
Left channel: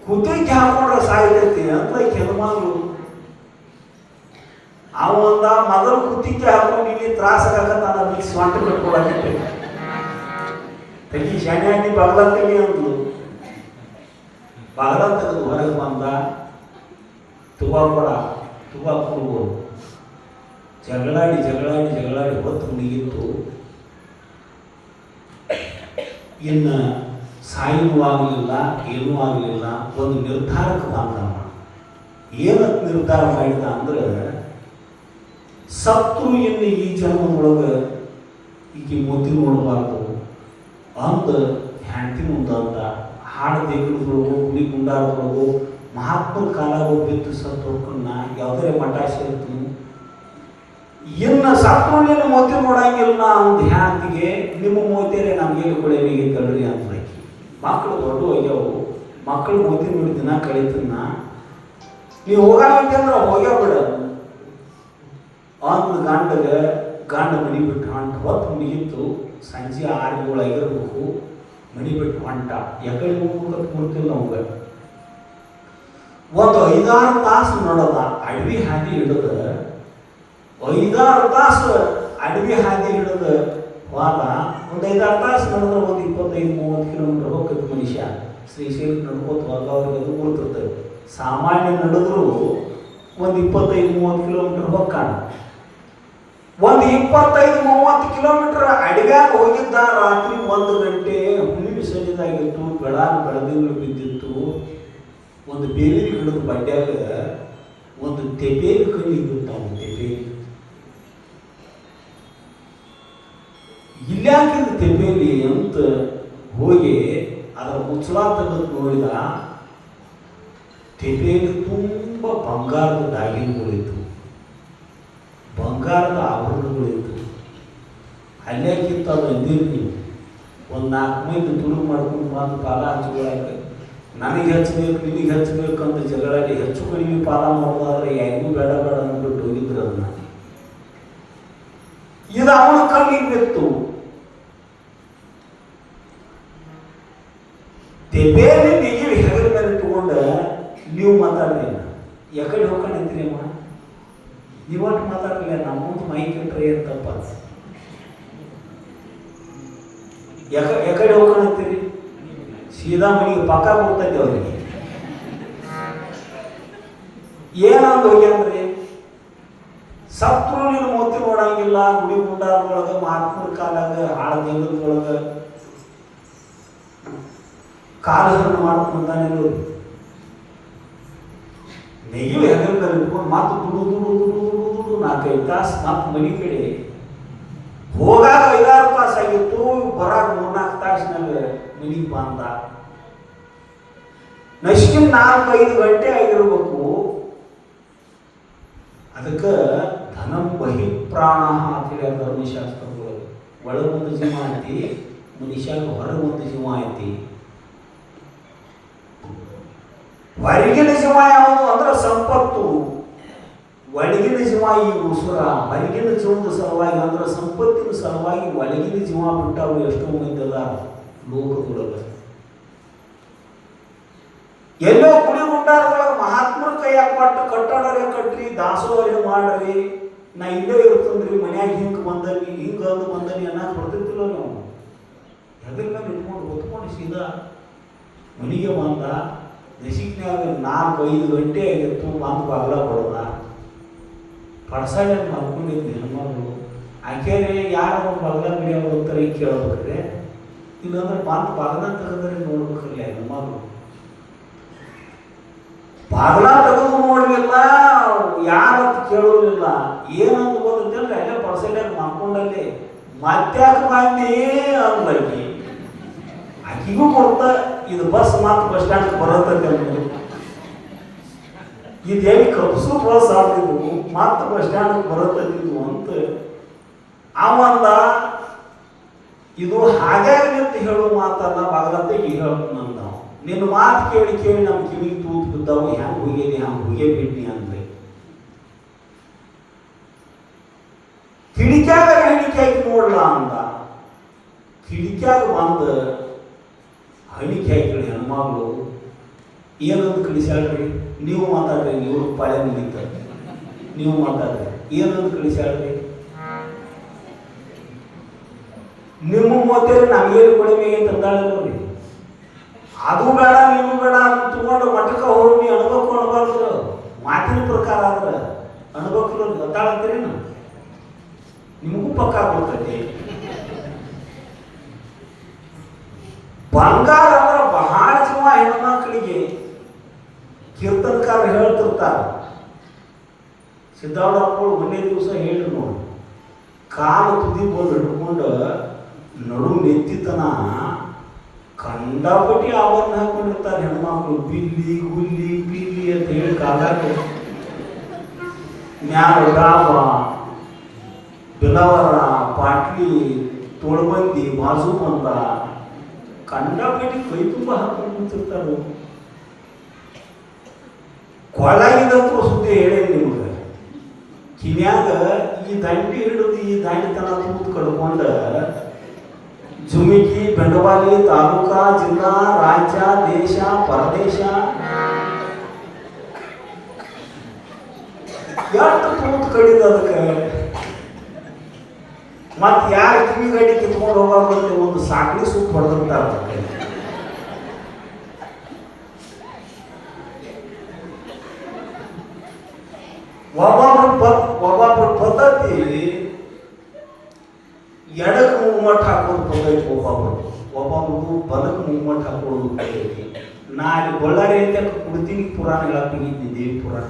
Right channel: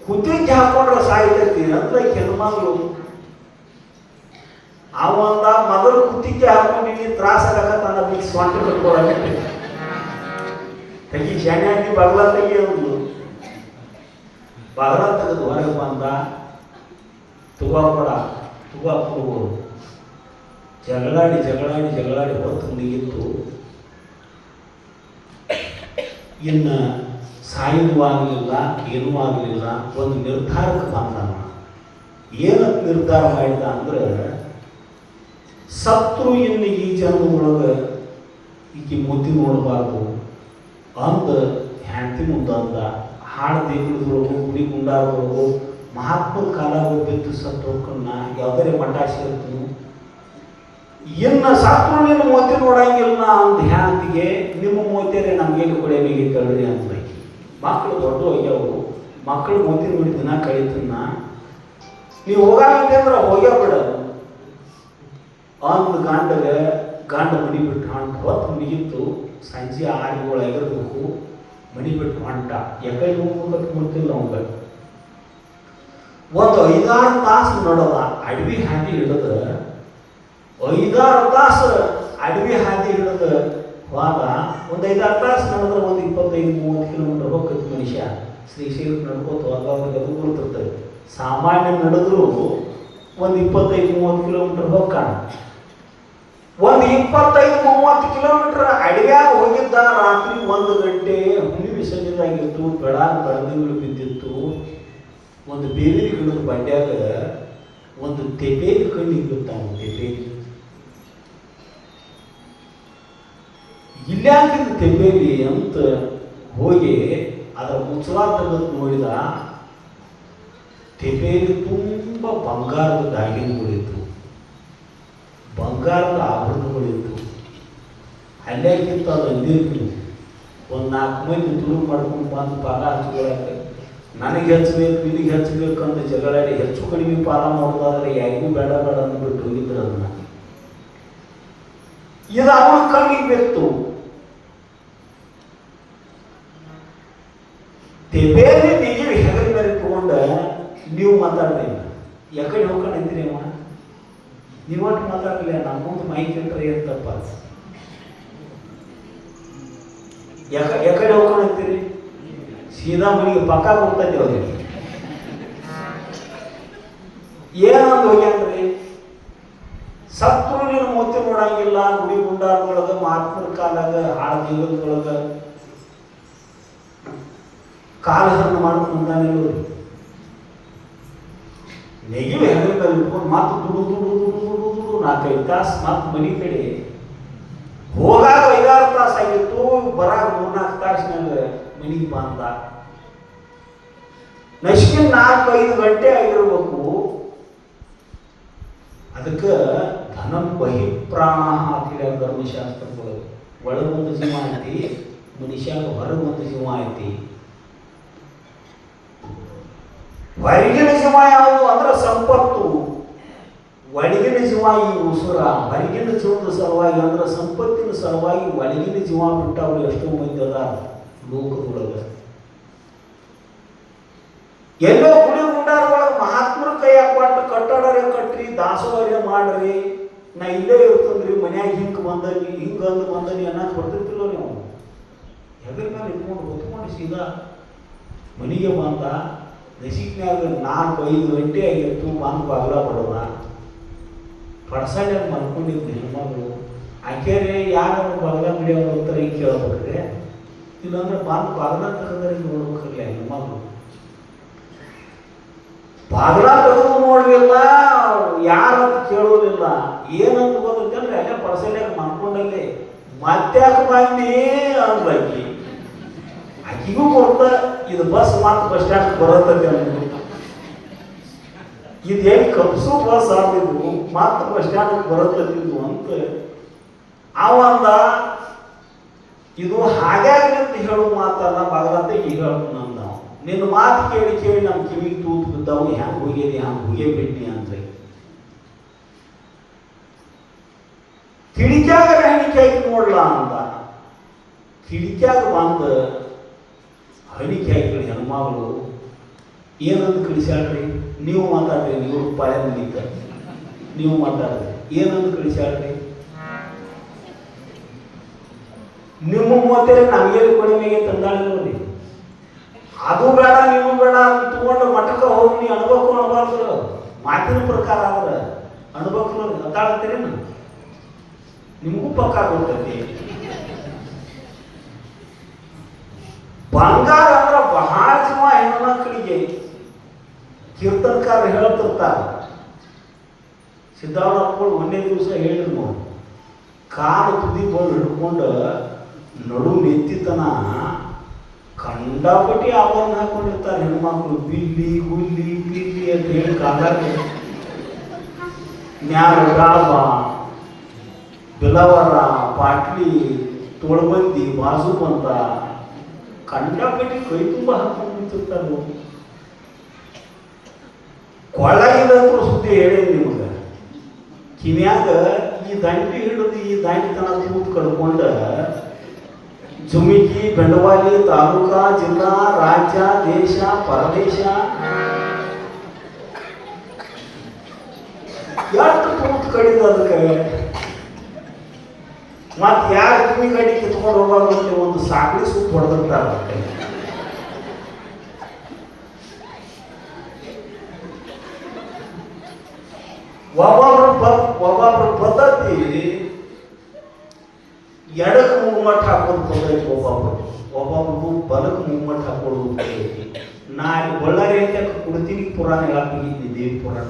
ಕುತ್ತಿಗೆ ಹಾಕೊಂಡ್ರೆ ಸಾಯ್ತೈತಿ ಅಂತ ಹೆಣ್ಮಗಳು. ಅವಂದ ಮೊದಲು ಕುತ್ತಿಗೆ ಹಾಕೊಂಡಿನಿ ತ್ರಾಸಾಗತ್ತಾನ ಅದಕ್ಕೆ ಸ್ವಂಟ ಕಟ್ಕೊಳಕೈತಿ. ತೆಗಿ ಶಾಣೆ ಹಾಕಿ ಬಗಲ ತೆಗಿ ಅಂದ್ಲು. ಬಗಲ ತೆಗೆದು ಹೊರಗೆ ಬಂದ. ತುಬಾಕೊಡ ತುಬಾಕೊಡು ಜಗಳಾಡಿ ಹೊತ್ತು ಮುಗಿಯಿತು. ಇನ್ನು ಸಾಯನೂ ಆಗಲಿಲ್ಲ, ಏನೂ ಆಗಲಿಲ್ಲ. ಒಂದು ನಿರ್ಧಾರಕ್ಕೆ ಬಂದ. ಏನಕ್ಕೆ ನಿರ್ಧಾರ ಮಾಡಿದ ಅಂದ್ರೆ ಸತ್ರು ಇನ್ನು ಈ ಜನ್ಮದೊಳಗೆ ಈಕೆ ಮೂತಿ ನೋಡಬಾರ್ದು ಅಂದ ಹೆಂಡತಿ ಮುಂದಂದ ಹಾಡು ದೇಗುಲದೊಳಗು ಗುಡಿ ಗುಂಡಾರದೊಳಗು ಮಹಾತ್ಮರ ಕಾಲಾಗ ಬಿದ್ದು ಸತ್ತು ಹೊಡ್ಕೊಂಡ ಯಾವುದೇ ಮಠ ಸೇರ್ತೀನಿ. ಇನ್ನು ಸತ್ರು ನೀನು ಮೂತಿ ನೋಡಂಗಿಲ್ಲ ಅಂದ ಹೆಂಡತಿಗೆ ನಿಮ್ಮ ಮೂತಿಯಲ್ಲೇ ನಮಗೆ ಕೊಡಲಿಗೆ ಕಳ್ರಿ ಅಂತ ಮಕ್ಕಳು ದೊಡ್ಡ ಹೋಗ್ಯಾವು. ಮಕ್ಕಳು ಮೂತಿ ನೋಡಿ ದಿನ ಕಳೀತೀನ ನೀವು ಹೋಗಂತೆ ಅಂದ್ರೆ ಹೋಗ್ಯ ಬಿಡೋದು ಅಂದು ಗಂಡ ಮಡಿಬಿಟ್ಟು ಹೊತ್ತು ಮುಗಿಯಿತು. ಸಂಜೆ 6 ಆಗಿರ್ಬೇಕು. ಮಡಿಬಿಟ್ಟು ಹೊಂಟ ಎಕಡೆ ಹೋಗ್ಬೇಕು ಗೊತ್ತಿಲ್ಲ ಅವಂಗ. ಒಂದು 5-6 ತಾಸು ನೋಡೋದ ಅಡವಿ ಹಾದಿ ಹಿಡಿದ 5-6 ತಾಸು ಅಡವಿ ಹಾದಿ ಹಿಡಿದ ಹೋದ. ಒಂದು 5-6 ತಾಸು ನಡೆದ್ರೆ ಒಂದು 25-30 ಕಿಲೋಮೀಟರ್ ಹೋಗ್ತೈತಿ ಮನುಷ್ಯ. ಶ್ರೀಶೈಲಕ್ಕೆ ನಡ್ಕೋತ ಅವ್ರಿಗೆ ಅದು ಗೊತ್ತಿರ್ತದೆ. ಸಾಮಾನ್ಯ ನಡೆದ್ರು ಒಂದು 25-30 ಕಿಲೋಮೀಟರ್ ಹೋಗ್ಕಾಣ. ಒಂದು 25-30 ಕಿಲೋಮೀಟರ್ ಅಡವ್ಯಾಗ ಹೋಗಿದ್ದ. ರಾತ್ರಿ 1 ಗಂಟೆ ಹುಲಿ ಸನಿದಾಗಿತ್ತು. ಬೆಳದಿಂಗಳು ಬಿದ್ದಿತ್ತು. ಒಂದು ಬೇವಿನ ಗಿಡದ ಬಡ್ಡ್ಯಾಗ ಒಂದು ತೆಬೇಲಿ ಕಣ್ಣಿಗೆ ಗೊತ್ತಾಗ ತೆಬೇಲಿ ಇಲ್ಲಾಕಿದ ತೆಬೇಲಿ ಅಂತ ಹೋಗಿ ಅದರ ಮುಚ್ಚಲ ತೆಗೆದು ನೋಡಿದ. ತೆಬೇಲಿ ತುಂಬ ಬಂಗಾರದ ದಾಗಿನಗಳಿತ್ತು, ಬಂಗಾರದ ಆಭರಣಗಳಿತ್ತು. ಅಲ್ಲೇಕಿತ್ತು ಅದು ಅಂದಿರ್ತೀನಿ. ಒಂದು 4 ಮಂದಿ ತುಳು ಮಾಡ್ಕೊಂಡು ಬಂದು ಪಾಲ ಹಚ್ಕೊಳಕ್ಕೆ ನನಗೆ ಹಚ್ಚಬೇಕು ನಿನಗೆ ಹಚ್ಚಬೇಕು ಅಂತ ಜಗಳಾಡಿ ಹೆಚ್ಚು ಕಡಿಮೆ ಪಾಲ ಮಾಡೋದಾದ್ರೆ ಯಾರಿಗೂ ಬೇಡ ಅಂದ್ಬಿಟ್ಟು ಹೋಗಿದ್ರು. ಅದನ್ನ ಇದು ಅವನ ಕಣ್ಣಿಗೆ ಬೆತ್ತು. ತೆಬೇಲಿ ನೀವು ಹೆಗಲ ಮೇಲೆ ಇಟ್ಕೊಂಡು ನೀವು ಮಾತಾಡ್ರಿ. ಎಕಡೆ ಹೋಗ್ಕೊಂಡಿರ್ತೀರಿ ಅಮ್ಮ ನೀವಟ್ಟು ಮಾತಾಡಲಿಲ್ಲ. ನಮ್ಮ ಮುಂದೆ ಮೈಕ್ ಇಟ್ಟರೆ ಅಂತಪ್ಪ ಎಕಡೆ ಹೋಗ್ಕೊಂಡಿರ್ತೀರಿ. ಸೀದಾ ಮನೆಗೆ ಪಕ್ಕ ಹೋಗ್ತೈತಿ. ಅವ್ರಿಗೆ ಏನಂದು ಹೋಗ್ಯಾನ್ರಿ. ಸತ್ರು ನೀನು ಮೂತಿ ನೋಡಂಗಿಲ್ಲ. ಗುಡಿ ಗುಂಡಾರದೊಳಗೆ ಮಹಾತ್ಮರ ಕಾಲಾಗ ಹಾಳು ದೇವರದೊಳಗೆ ಕಾಲಹರಣ ಮಾಡ್ಕೊಂಡಾನಿಲ್ಲ. ನೆಗಿಲು ಹೆಗಲ ಮೇಲೆ ಇಟ್ಕೊಂಡು ಮಾತು ದುಡು 4-5 ತಾಸು ಮತ್ತೆ ಮನೆ ಕಡೆ ಹೋಗಾಗ 5-6 ತಾಸು ಆಗಿತ್ತು. ಬರಾಗ 3-4 ತಾಸಿನಾಗ ಮನೆಗೆ ಬಂದ. ನಶಿಕಿನ 4-5 ಗಂಟೆ ಆಗಿರ್ಬೇಕು. ಅದಕ್ಕೆ ಧನಂ ಬಹಿಪ್ರಾಣ ಹಾಕಿದ ಧರ್ಮಶಾಸ್ತ್ರಗಳು. ಒಳಗೊಂದು ಜೀವ ಐತಿ, ಮನುಷ್ಯಾಗ ಹೊರಗೊಂದು ಜೀವ ಐತಿ. ಹೊರಗಿನ ಜೀವ ಯಾವುದು ಅಂದ್ರೆ ಸಂಪತ್ತು, ಒಳಗಿನ ಜೀವ ಈ ಉಸುರ. ಹೊರಗಿನ ಜೀವದ ಸಲುವಾಗಿ ಅಂದ್ರೆ ಸಂಪತ್ತಿನ ಸಲುವಾಗಿ ಒಳಗಿನ ಜೀವ ಬಿಟ್ಟವ್ರು ಎಷ್ಟೋ ಮಂದಿ ಅದ ಲೋಕದೊಳಗೆ. ಎಲ್ಲೋ ಗುಡಿ ಗುಂಡಾರಗಳ ಮಹಾತ್ಮರ ಕೈಯಾಗ ಕೊಟ್ಟು ಕಟ್ಟಡರೇ ಕಟ್ರಿ, ದಾಸೋಹರೇ ಮಾಡ್ರಿ, ನಾ ಇಲ್ಲೇ ಇರ್ತಂದ್ರಿ, ಮನ್ಯಾಗ ಹಿಂಗೆ ಬಂದನಿ ಹಿಂಗಂದು ಬಂದನಿ ಅನ್ನೋದು ಕೊಡ್ತಿರ್ತಿಲ್ಲ ನೀವು. ಹೆದ್ರ ಮೇಲೆ ಇಟ್ಕೊಂಡು ಹೊತ್ಕೊಂಡು ಸೀದಾ ಮನೆಗೆ ಬಂದ. ನಸಿಕ್ನ್ಯಾಗ 4-5 ಗಂಟೆ ಆಗಿರ್ತು, ಬಂದು ಬಾಗ್ಲ ಬರೋದ ಪಡ್ಸಾಡ್ಯ ಮಾಡ್ಕೊಂಡಿದ್ವಿ ಹೆಣ್ಮಗಳು. ಆಕೆರೆ ಯಾರು ಬಾಗ್ಲ ಮುಡಿಯೋ ಉತ್ತರ ಈಗ ಕೇಳಬೇಕ್ರೆ, ಇಲ್ಲಾಂದ್ರೆ ಬಂದು ಬಾಗ್ಲ ತೆಗೆದ್ರೆ ನೋಡ್ಬೇಕಿಲ್ಲ ಹೆಣ್ಮಗಳು. ಬಾಗ್ಲ ತೆಗೆದು ನೋಡ್ಲಿಲ್ಲ, ಯಾರಂತ ಕೇಳೋದಿಲ್ಲ. ಏನಂತ ಗೊತ್ತಂದ್ರೆ ಅಲ್ಲೇ ಪಡ್ಸಲ್ಯಾಗ ಮಾಡ್ಕೊಂಡಲ್ಲಿ ಮತ್ತ್ಯಾಕೆ ಬಂದಿ ಅಂದ್ಲಾಕಿ. ಆಕಿಗೂ ಕೊಡ್ತ ಇದು ಬಸ್ ಮತ್ತು ಬಸ್ ಸ್ಟ್ಯಾಂಡ್ ಬರತ್ತೈತೆ ಅಂದ್ರೆ ಇದೇನು ಕಪ್ಸು ಬಸ್ ಆಗ್ತಿದ್ವು ಮತ್ತು ಬಸ್ ಸ್ಟ್ಯಾಂಡ್ ಬರತ್ತಿದ್ವು ಅಂತ ಅವಂದ. ಇದು ಹಾಗಾಗಿ ಅಂತ ಹೇಳೋ ಮಾತಲ್ಲ, ಬಾಗಲತ್ತ ಈಗ ಹೇಳ್ತಾನ ನಾವು. ನಿನ್ನ ಮಾತು ಕೇಳಿ ಕೇಳಿ ನಮ್ಮ ಕಿವಿಗೆ ತೂತು ಬಿದ್ದಾವು, ಹ್ಯಾಂಗೆ ಹೋಗಿದೆ ಹ್ಯಾಂಗೆ ಹೋಗೇ ಬಿಟ್ನಿ ಅಂದ್ರೆ. ಕಿಡಿಕ್ಯಾಗ ಹಣಿಕೆ ಹಾಕಿ ನೋಡ್ಲಾ ಅಂತ ಕಿಡಿಕ್ಯಾಗ ಬಂದು ಹಣಿಕೆ ಹಾಕಿ ಹೆಣ್ಮಗಳು ಏನಂದು ಕಳಿಸ್ಯಾಳ್ರಿ. ನೀವು ಮಾತಾಡ್ರಿ, ನೀವು ಪಾಳೆ ಮುಗಿತ ನೀವು ಮಾತಾಡ್ರಿ. ಏನಂದು ಕಳಿಸ್ಯಾಳ್ರಿ, ನಿಮ್ಮ ಮೂವತ್ತೇಳಿ ನಮಗೇನು ಕಡಿಮೆ ತಂದಾಳಿ. ಅದು ಬೇಡ ನೀವು ಬೇಡ ಅಂತ ತಗೊಂಡು ಮಠಕ್ಕೆ ಹೋಗಿ ನೀವು ಅನ್ಬೇಕು ಅನ್ಬಾರ್ದು. ಮಾತಿನ ಪ್ರಕಾರ ಆದ್ರೆ ಅನ್ಬೇಕು ಗೊತ್ತಾಡ್ತೀರಿ. ನಿಮಗೂ ಪಕ್ಕ ಕೊಡ್ತೈತಿ. ಬಂಗಾರ ಅಂದ್ರೆ ಬಹಳ ಜನ ಹೆಣ್ಮಕ್ಳಿಗೆ ಕೀರ್ತನಕಾರ ಹೇಳ್ತಿರ್ತಾರೆ. ಸಿದ್ಧಾರ್ಥಪ್ಪಳು ಒಂದೇ ದಿವಸ ಹೇಳಿದ್ರು ನೋಡಿ, ಕಾಲು ತುದಿ ಬೋರ್ಡ್ ಹಿಡ್ಕೊಂಡು ನಡು ನೆತ್ತಿತನ ಕಂಡಾಪಟ್ಟಿ ಆಭರಣ ಹಾಕೊಂಡಿರ್ತಾರೆ ಹೆಣ್ಮಕ್ಳು. ಬಿಲ್ಲಿ ಗುಲ್ಲಿ ಪಿಲ್ಲಿ ಅಂತ ಹೇಳಿ ಕಾಲಾಗ ನ್ಯಾರ ಬಿಲವರ ಪಾಟ್ಲಿ ತೋಳ್ಬಂದಿ ಬಾಜು ಬಂದ ಕಂಡಾಪಟ್ಟಿ ಕೈ ತುಂಬ ಹಾಕೊಂಡು ನಿಂತಿರ್ತಾರೆ. ಕೊಳ್ಳಗಿದಂತೂ ಸುದ್ದಿ ಹೇಳಿ ನಿಮ್ಗೆ. ಕಿನ್ಯಾಗ ಈ ದಂಡಿ ಹಿಡಿದು ಈ ದಂಡಿ ತನ ತೂತು ಕಡ್ಕೊಂಡ ಜುಮಿಕಿ ಬೆಂಡವಾಲಿ ತಾಲೂಕಾ ಜಿಲ್ಲಾ ರಾಜ್ಯ ದೇಶ ಪರದೇಶ ಎಷ್ಟು ತೂತು ಕಡಿದ ಅದಕ್ಕೆ. ಮತ್ತೆ ಯಾರು ಕಿವಿ ಗಾಡಿ ಕಿತ್ಕೊಂಡು ಹೋಗೋದ್ರಲ್ಲಿ ಒಂದು ಸಾಕಳಿ ಸೂಪ್ ಹೊಡೆದಿರ್ತಾರೆ. ಒಬ್ಬೊಬ್ಬರ ಪದ್ಧತಿ ಎಡಕ್ಕೆ ಮೂವ್ಮೆಂಟ್ ಹಾಕೋದು ಪದ್ಧತಿ, ಒಬ್ಬೊಬ್ರು ಬಲಕ್ಕೆ ಮೂವ್ಮೆಂಟ್ ಹಾಕೊಳ್ಳೋದು ಪದ್ಧತಿ. ನಾನು ಬಳ್ಳಾರಿ ಅಂತ ಕುಡ್ತೀನಿ ಪುರಾಣ ಹೇಳಾಕಿದ್ದೆ, ದೇವಿ ಪುರಾಣ.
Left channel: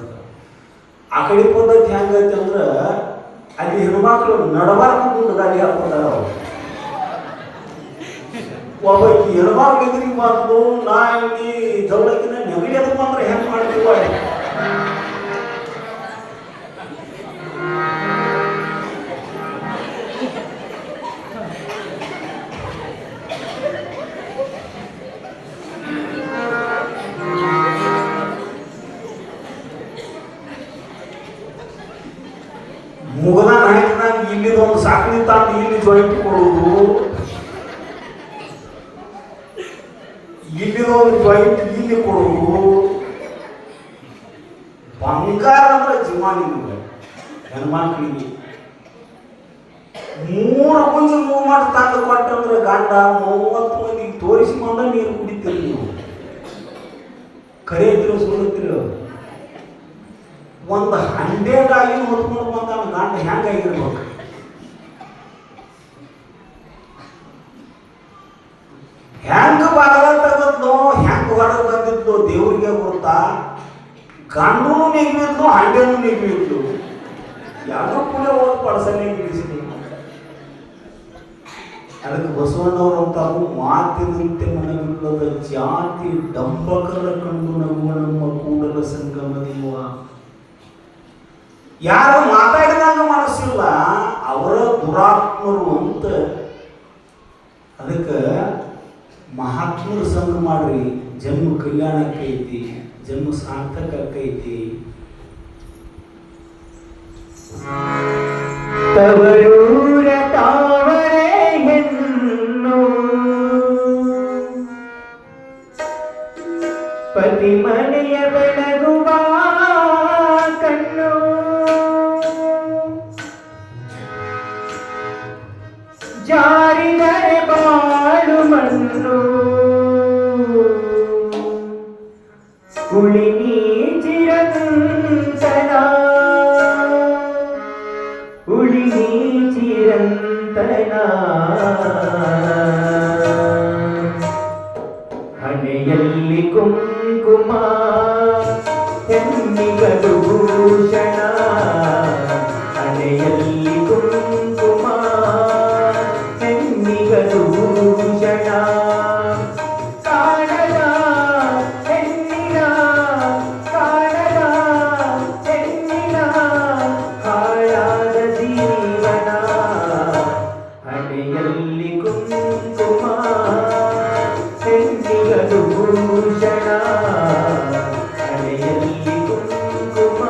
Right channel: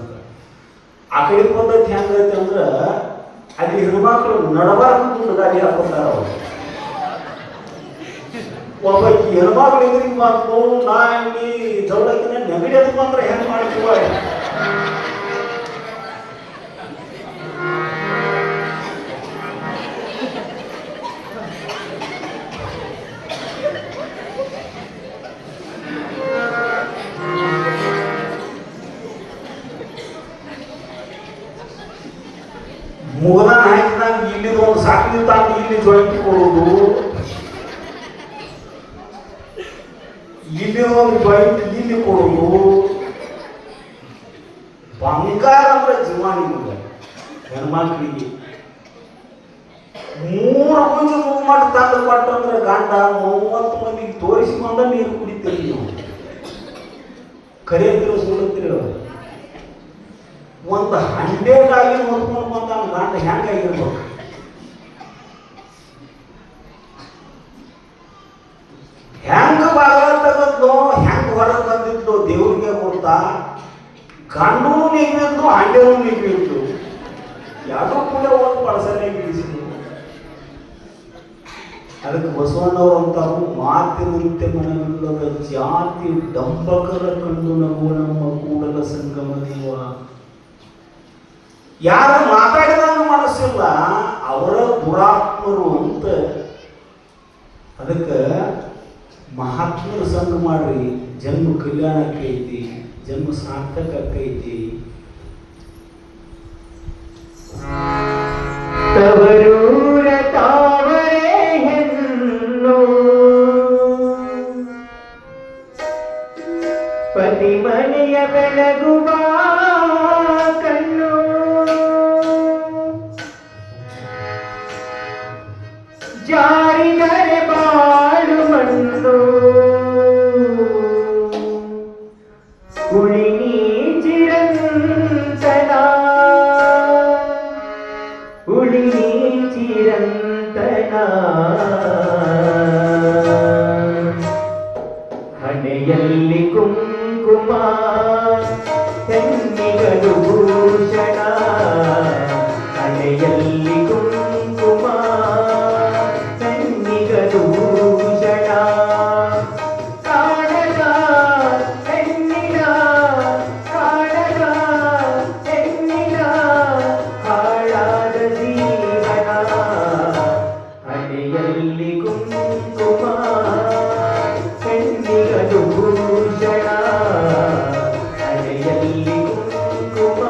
ಆ ಕಡೆ ಪದ್ಧತಿ ಹೆಂಗೈತೆ ಅಂದ್ರೆ ಅಲ್ಲಿ ಹೆಣ್ಮಕ್ಳು ನಡಬಾರ್ದು ದುಡ್ಡುಗಾಲಿ ಹಾಕೊಂಡಾರ. ಒಬ್ಬಕ್ಕೆ ಹೆಣ್ಮಕ್ಳು ಎದುರಿಗೆ ಬಂದು ನಾ ಇಲ್ಲಿ ದೌಡಕಿನ ನೆಗಡಿ ಅದು ಬಂದ್ರೆ ಹೆಂಗೆ ಮಾಡ್ತೀವ. ಮುಗದ ನಾಯಕನಾಗ ಇಲ್ಲಿ ಒಂದು ಸಾಕಲಿ ತಾನು ಇಲ್ಲಿ ಜಾಯಿಂಟ್ ಕೊಡುವುದು, ಇಲ್ಲಿ ಒಂದು ಜಾಯಿಂಟ್ ಇಲ್ಲಿ ಕೊಡುವುದು. ಬಂಗಾರ ಅಂದ್ರೆ ಜೀವಾನಿಗೆ ಹೆಣ್ಮಕ್ಳಿಗೆ 3 ಮುಂಜೆ ಮೂವ್ಮೆಂಟ್ ತಂದು ಕೊಟ್ಟಂದ್ರೆ ಗಂಡ 30 ಮಂದಿಗೆ ತೋರಿಸಿಕೊಂಡ ನೀರು ಕುಡಿತೀರಿ ನೀವು. ಕರೆಯತ್ರಿ ಸುಡುತ್ತೀರಿ. ಒಂದು 100 ಆಗಿ ಹೊತ್ಕೊಂಡು ಬಂದ ಗಂಡ ಹೆಂಗಾಗಿರ್ಬೇಕು. ಹೆಂಗ ಬಾಗಲ ತೆಗದ್ಲು ಹೆಂಗ ಹೊರ ತಂದಿದ್ಲು ದೇವ್ರಿಗೆ ಗೊತ್ತಾ. ಗಂಡು ನಿಗ್ಬಿದ್ಲು, ಹಂಡೆನೂ ನಿಗ್ಬಿದ್ಲು, ಯಾರು ಕೂಡ ಒಂದು ಪಳಸನೆ ಬಿಡಿಸಿದ್ರು. ಅದಕ್ಕೆ ಬಸವಣ್ಣವರು ಅಂತಾರು ಮಾತಿನಂತೆ ಮನವಿಲ್ಲದ ಜಾತಿ ಡಂಬಕರ ಕಂಡು ನಗುವ ನಮ್ಮ ಕೂಡಲ ಸಂಗಮ ದೇವ. ಯಾರು ಮಾತಾಡಿದಾಗ ಮನಸ್ಸಿಲ್ಲ ಅವರ ದುರಾತ್ಮರು ಅಂತ. ಅದಕ್ಕೆ ಮಹಾತ್ಮರ ಸಂಘ ಮಾಡ್ರಿ, ಜನ್ಮ ಕಲ್ಯಾಣಕ್ಕೆ ಐತಿ, ಜನ್ಮ ಸಾರ್ಥಕ ಐತಿ. ತವರೂರ ತಾವರೆ ಹೆಣ್ಣು ಪತಿ ಮನೆಯ ಬೆಳಗುವ ಕಣ್ಣು ಜಾರಿದರೆ ಬಾಳು ಮಣ್ಣು ಉಳಿನಿ ಚಿರಂತನ ಉಳಿನಿ ಚಿರಂತನ ಹಣೆಯಲ್ಲಿ ಕುಂಕುಮ ಹೆಣ್ಣಿಗಲು ಭೂಷಣ ಹಣೆಯಲ್ಲಿ ಕುಂಕುಮ ಹೆಣ್ಣಿಗಲು ಭೂಷಣ ಕಾಣದ ಹೆಣ್ಣಿನ ಕಾಣದ ಹೆಣ್ಣಿನ ಹಾಳಾದ ಜೀವನ ಹಣೆಯಲ್ಲಿ ಕುಂಕುಮ ಹೆಣ್ಣಿಗಲು ಭೂಷಣ ಹಣೆಯಲ್ಲಿ ಕುಂಕುಮ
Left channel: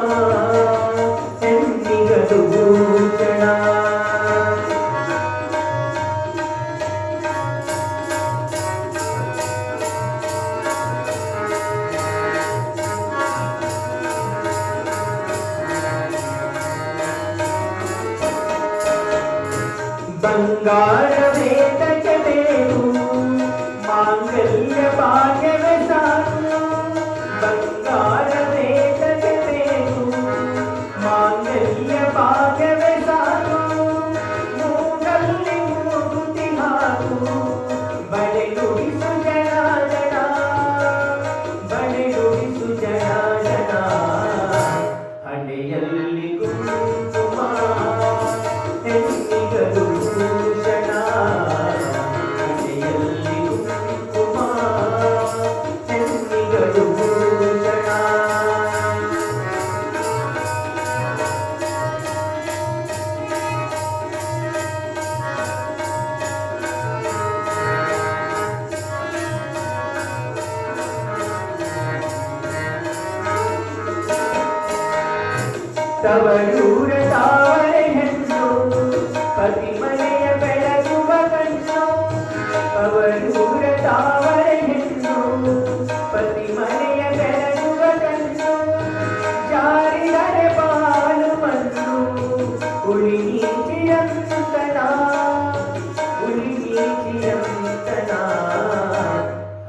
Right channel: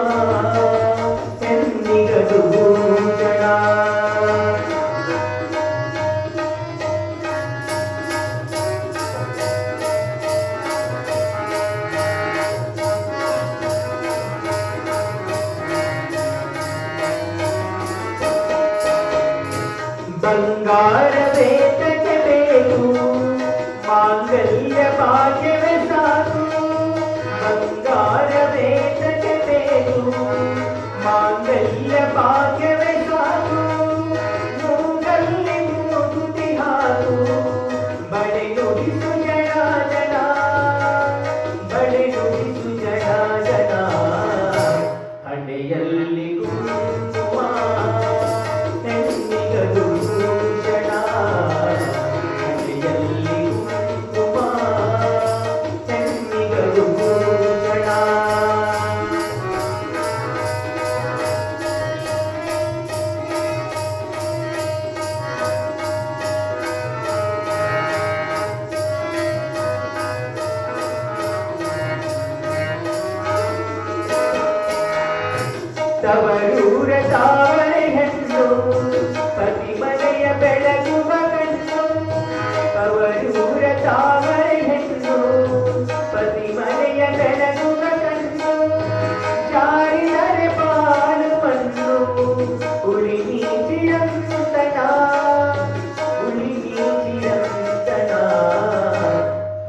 ಹೆಣ್ಣಿಗಲು ಭೂಷಣ. ಬಂಗಾರವೇ ತಗಬೇಕು ಮಾಂಗಲ್ಯ ಭಾಗ್ಯವೇ ಸಾಕು ಬಂಗಾರವೇ ತಗಬೇಕು ಮಾಂಗಲ್ಯ ಭಾಗ್ಯವೇ ಸಾಕು ಮೂಗಲ್ಲಿ ಮೂಗುತಿ ಹಾಕು ಬಳೆಯುಡಿಸು ಜನ ಜನ ಬಳೆಯುಡಿಸು ಜನ ಜನ ಹಣೆಯಲ್ಲಿ ಕುಂಕುಮ ಹೆಣ್ಣಿಗಲು ಭೂಷಣ ಹಣೆಯಲ್ಲಿ ಕುಂಕುಮ ಹೆಣ್ಣಿಗಲು ಭೂಷಣ. ತವರೂರ ತಾವರೆ ಹೆಣ್ಣು ಪತಿ ಮನೆಯ ಬೆಳಗುವ ಕಣ್ಣು ತವರೂರ ತಾವರೆ ಹೆಣ್ಣು ಪತಿ ಮನೆಯ ಬೆಳಗುವ ಕಣ್ಣು ಜಾರಿದರೆ ಬಾಳು ಮಣ್ಣು ಉಳಿನಿ ಚಿರಂತನ ಉಳಿನಿ ಚಿರಂತನ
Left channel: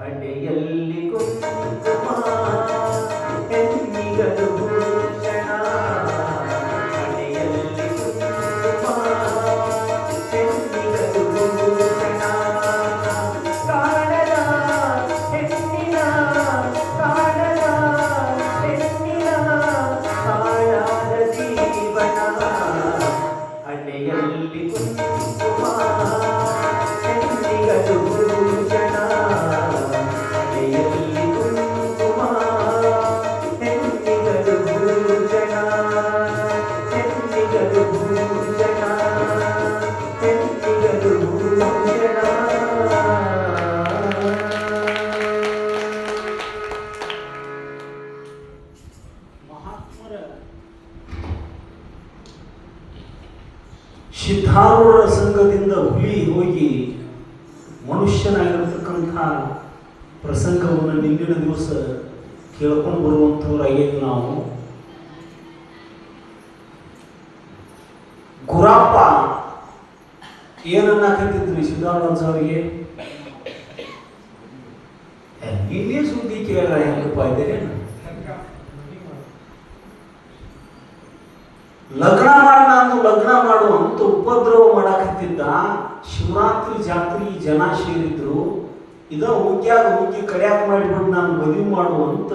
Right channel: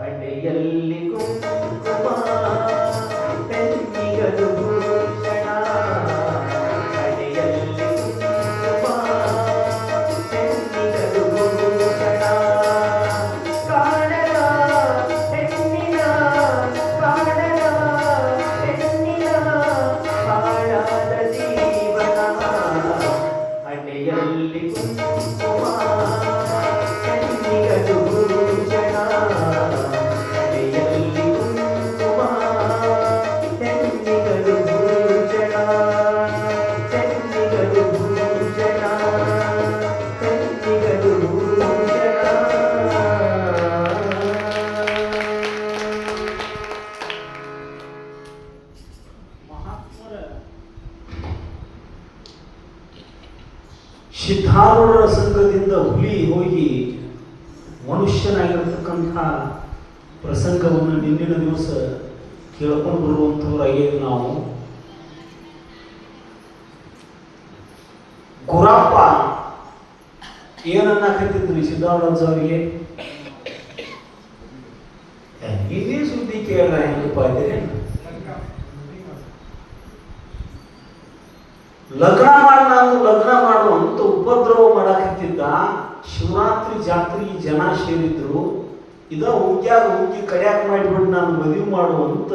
ಹಣೆಯಲ್ಲಿ ಕುಂಕುಮ ಹೆಣ್ಣಿಗಲು ಭೂಷಣ ಹಣೆಯಲ್ಲಿ ಕುಂಕುಮ ಹೆಣ್ಣಿಗಲು ಭೂಷಣ ಕಾಣದ ಹೆಣ್ಣಿನ ಕಾಣದ ಹೆಣ್ಣಿನ ಹಾಳಾದ ಜೀವನ ಹಣೆಯಲ್ಲಿ ಕುಂಕುಮ ಹೆಣ್ಣಿಗಲು ಭೂಷಣ ಹಣೆಯಲ್ಲಿ ಕುಂಕುಮ ಹೆಣ್ಣಿಗಲು ಭೂಷಣ ಹೆಣ್ಣಿಗಲು ಭೂಷಣ ಹೆಣ್ಣಿಗಲು ಭೂಷಣ. ಮಹಾತ್ಮರ ಸಿದ್ಧಾರೂಢರ ಸಂಘದಿಂದ ಹುಲಿ ಹೋಗಿ ಮನುಷ್ಯನಾಗಿರ್ತಕ್ಕಂಥ ಪ್ರಸಂಗವನ್ನು ನಿನ್ನಿನ ದಿವಸ ಕೇಳ್ಕೊಂಡು ಬರುವಂಥವ್ರಾಗೇನು ನಾವು. ಗುರಪ್ಪ ಏನನ್ನಕತ್ತಿದ್ರಿ ಸಿದ್ಧಾರೂಢ ಅವರಿಗೆ? ಇಲ್ಲಿ ಸುದ್ದಿ ಕೇಳ ಹೆಂಗಪ್ಪ ಇದೆ, ಲಗ್ನ ಮಾಡ ನಾನು ಲಗ್ನ ಮಾಡು ಅಂತ ಉಪದ್ರವ ಮಾಡಾಕತ್ತಿದ್ದ. ಶಿವರಾತ್ರಿ ಜಾತ್ರೆ ಜನ ಸೇರಿದ್ರು, ಇದ ಉಗ್ಯಾಗ ಉಗ್ಗಿ ಕಡ್ಯಾಕ ಮಾಡಿಬಿಟ್ಟು ನಾನು ಮದುವೆ ಮಾಡು ಅಂತ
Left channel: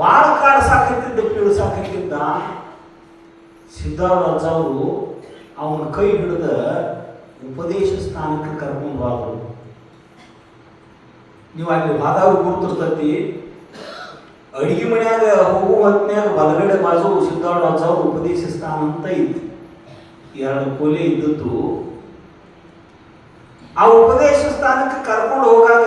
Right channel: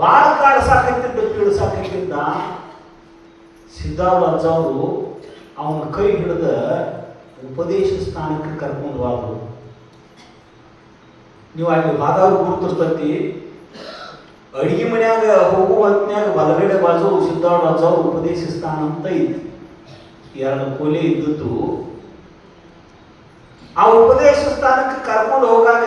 ಭಾಳ ಕಾಡ್ಸಾಕತ್ತಿದ್ದ ಪೀಳ್ಸಾಕತ್ತಿದ್ದ. ಸಿದ್ಧಾರೂಢ ಅವರು ಅವನ ಕೈ ಹಿಡಿದ ಉಪದೇಶ ಸ್ಥಾನಕ್ಕೆ ಕರ್ಕೊಂಡು ಹೋದ್ರು. ನೀವು ಅಲ್ಲಿ ವಾದವ್ರು ಗುರುತಿರ್ತತಿ. ಅಡಿಗೆ ಮನ್ಯಾಗ ಹೋಗುವ ಹೊತ್ನ್ಯಾಗ ಬಲಗಡೆ ಬಾಜು ಸಿದ್ಧಾರ್ಥ ಉಪದೇಶ ಸ್ಥಾನ ಅಂತ ಇತ್ತು. 2 ಕೊಲೆ ಇದ್ದದ್ದು. ಆ ಉಪದೇಶ ಸ್ಥಾನಕ್ಕೆ ಕರ್ಕೊಂಡು ಹೋಗಾಗ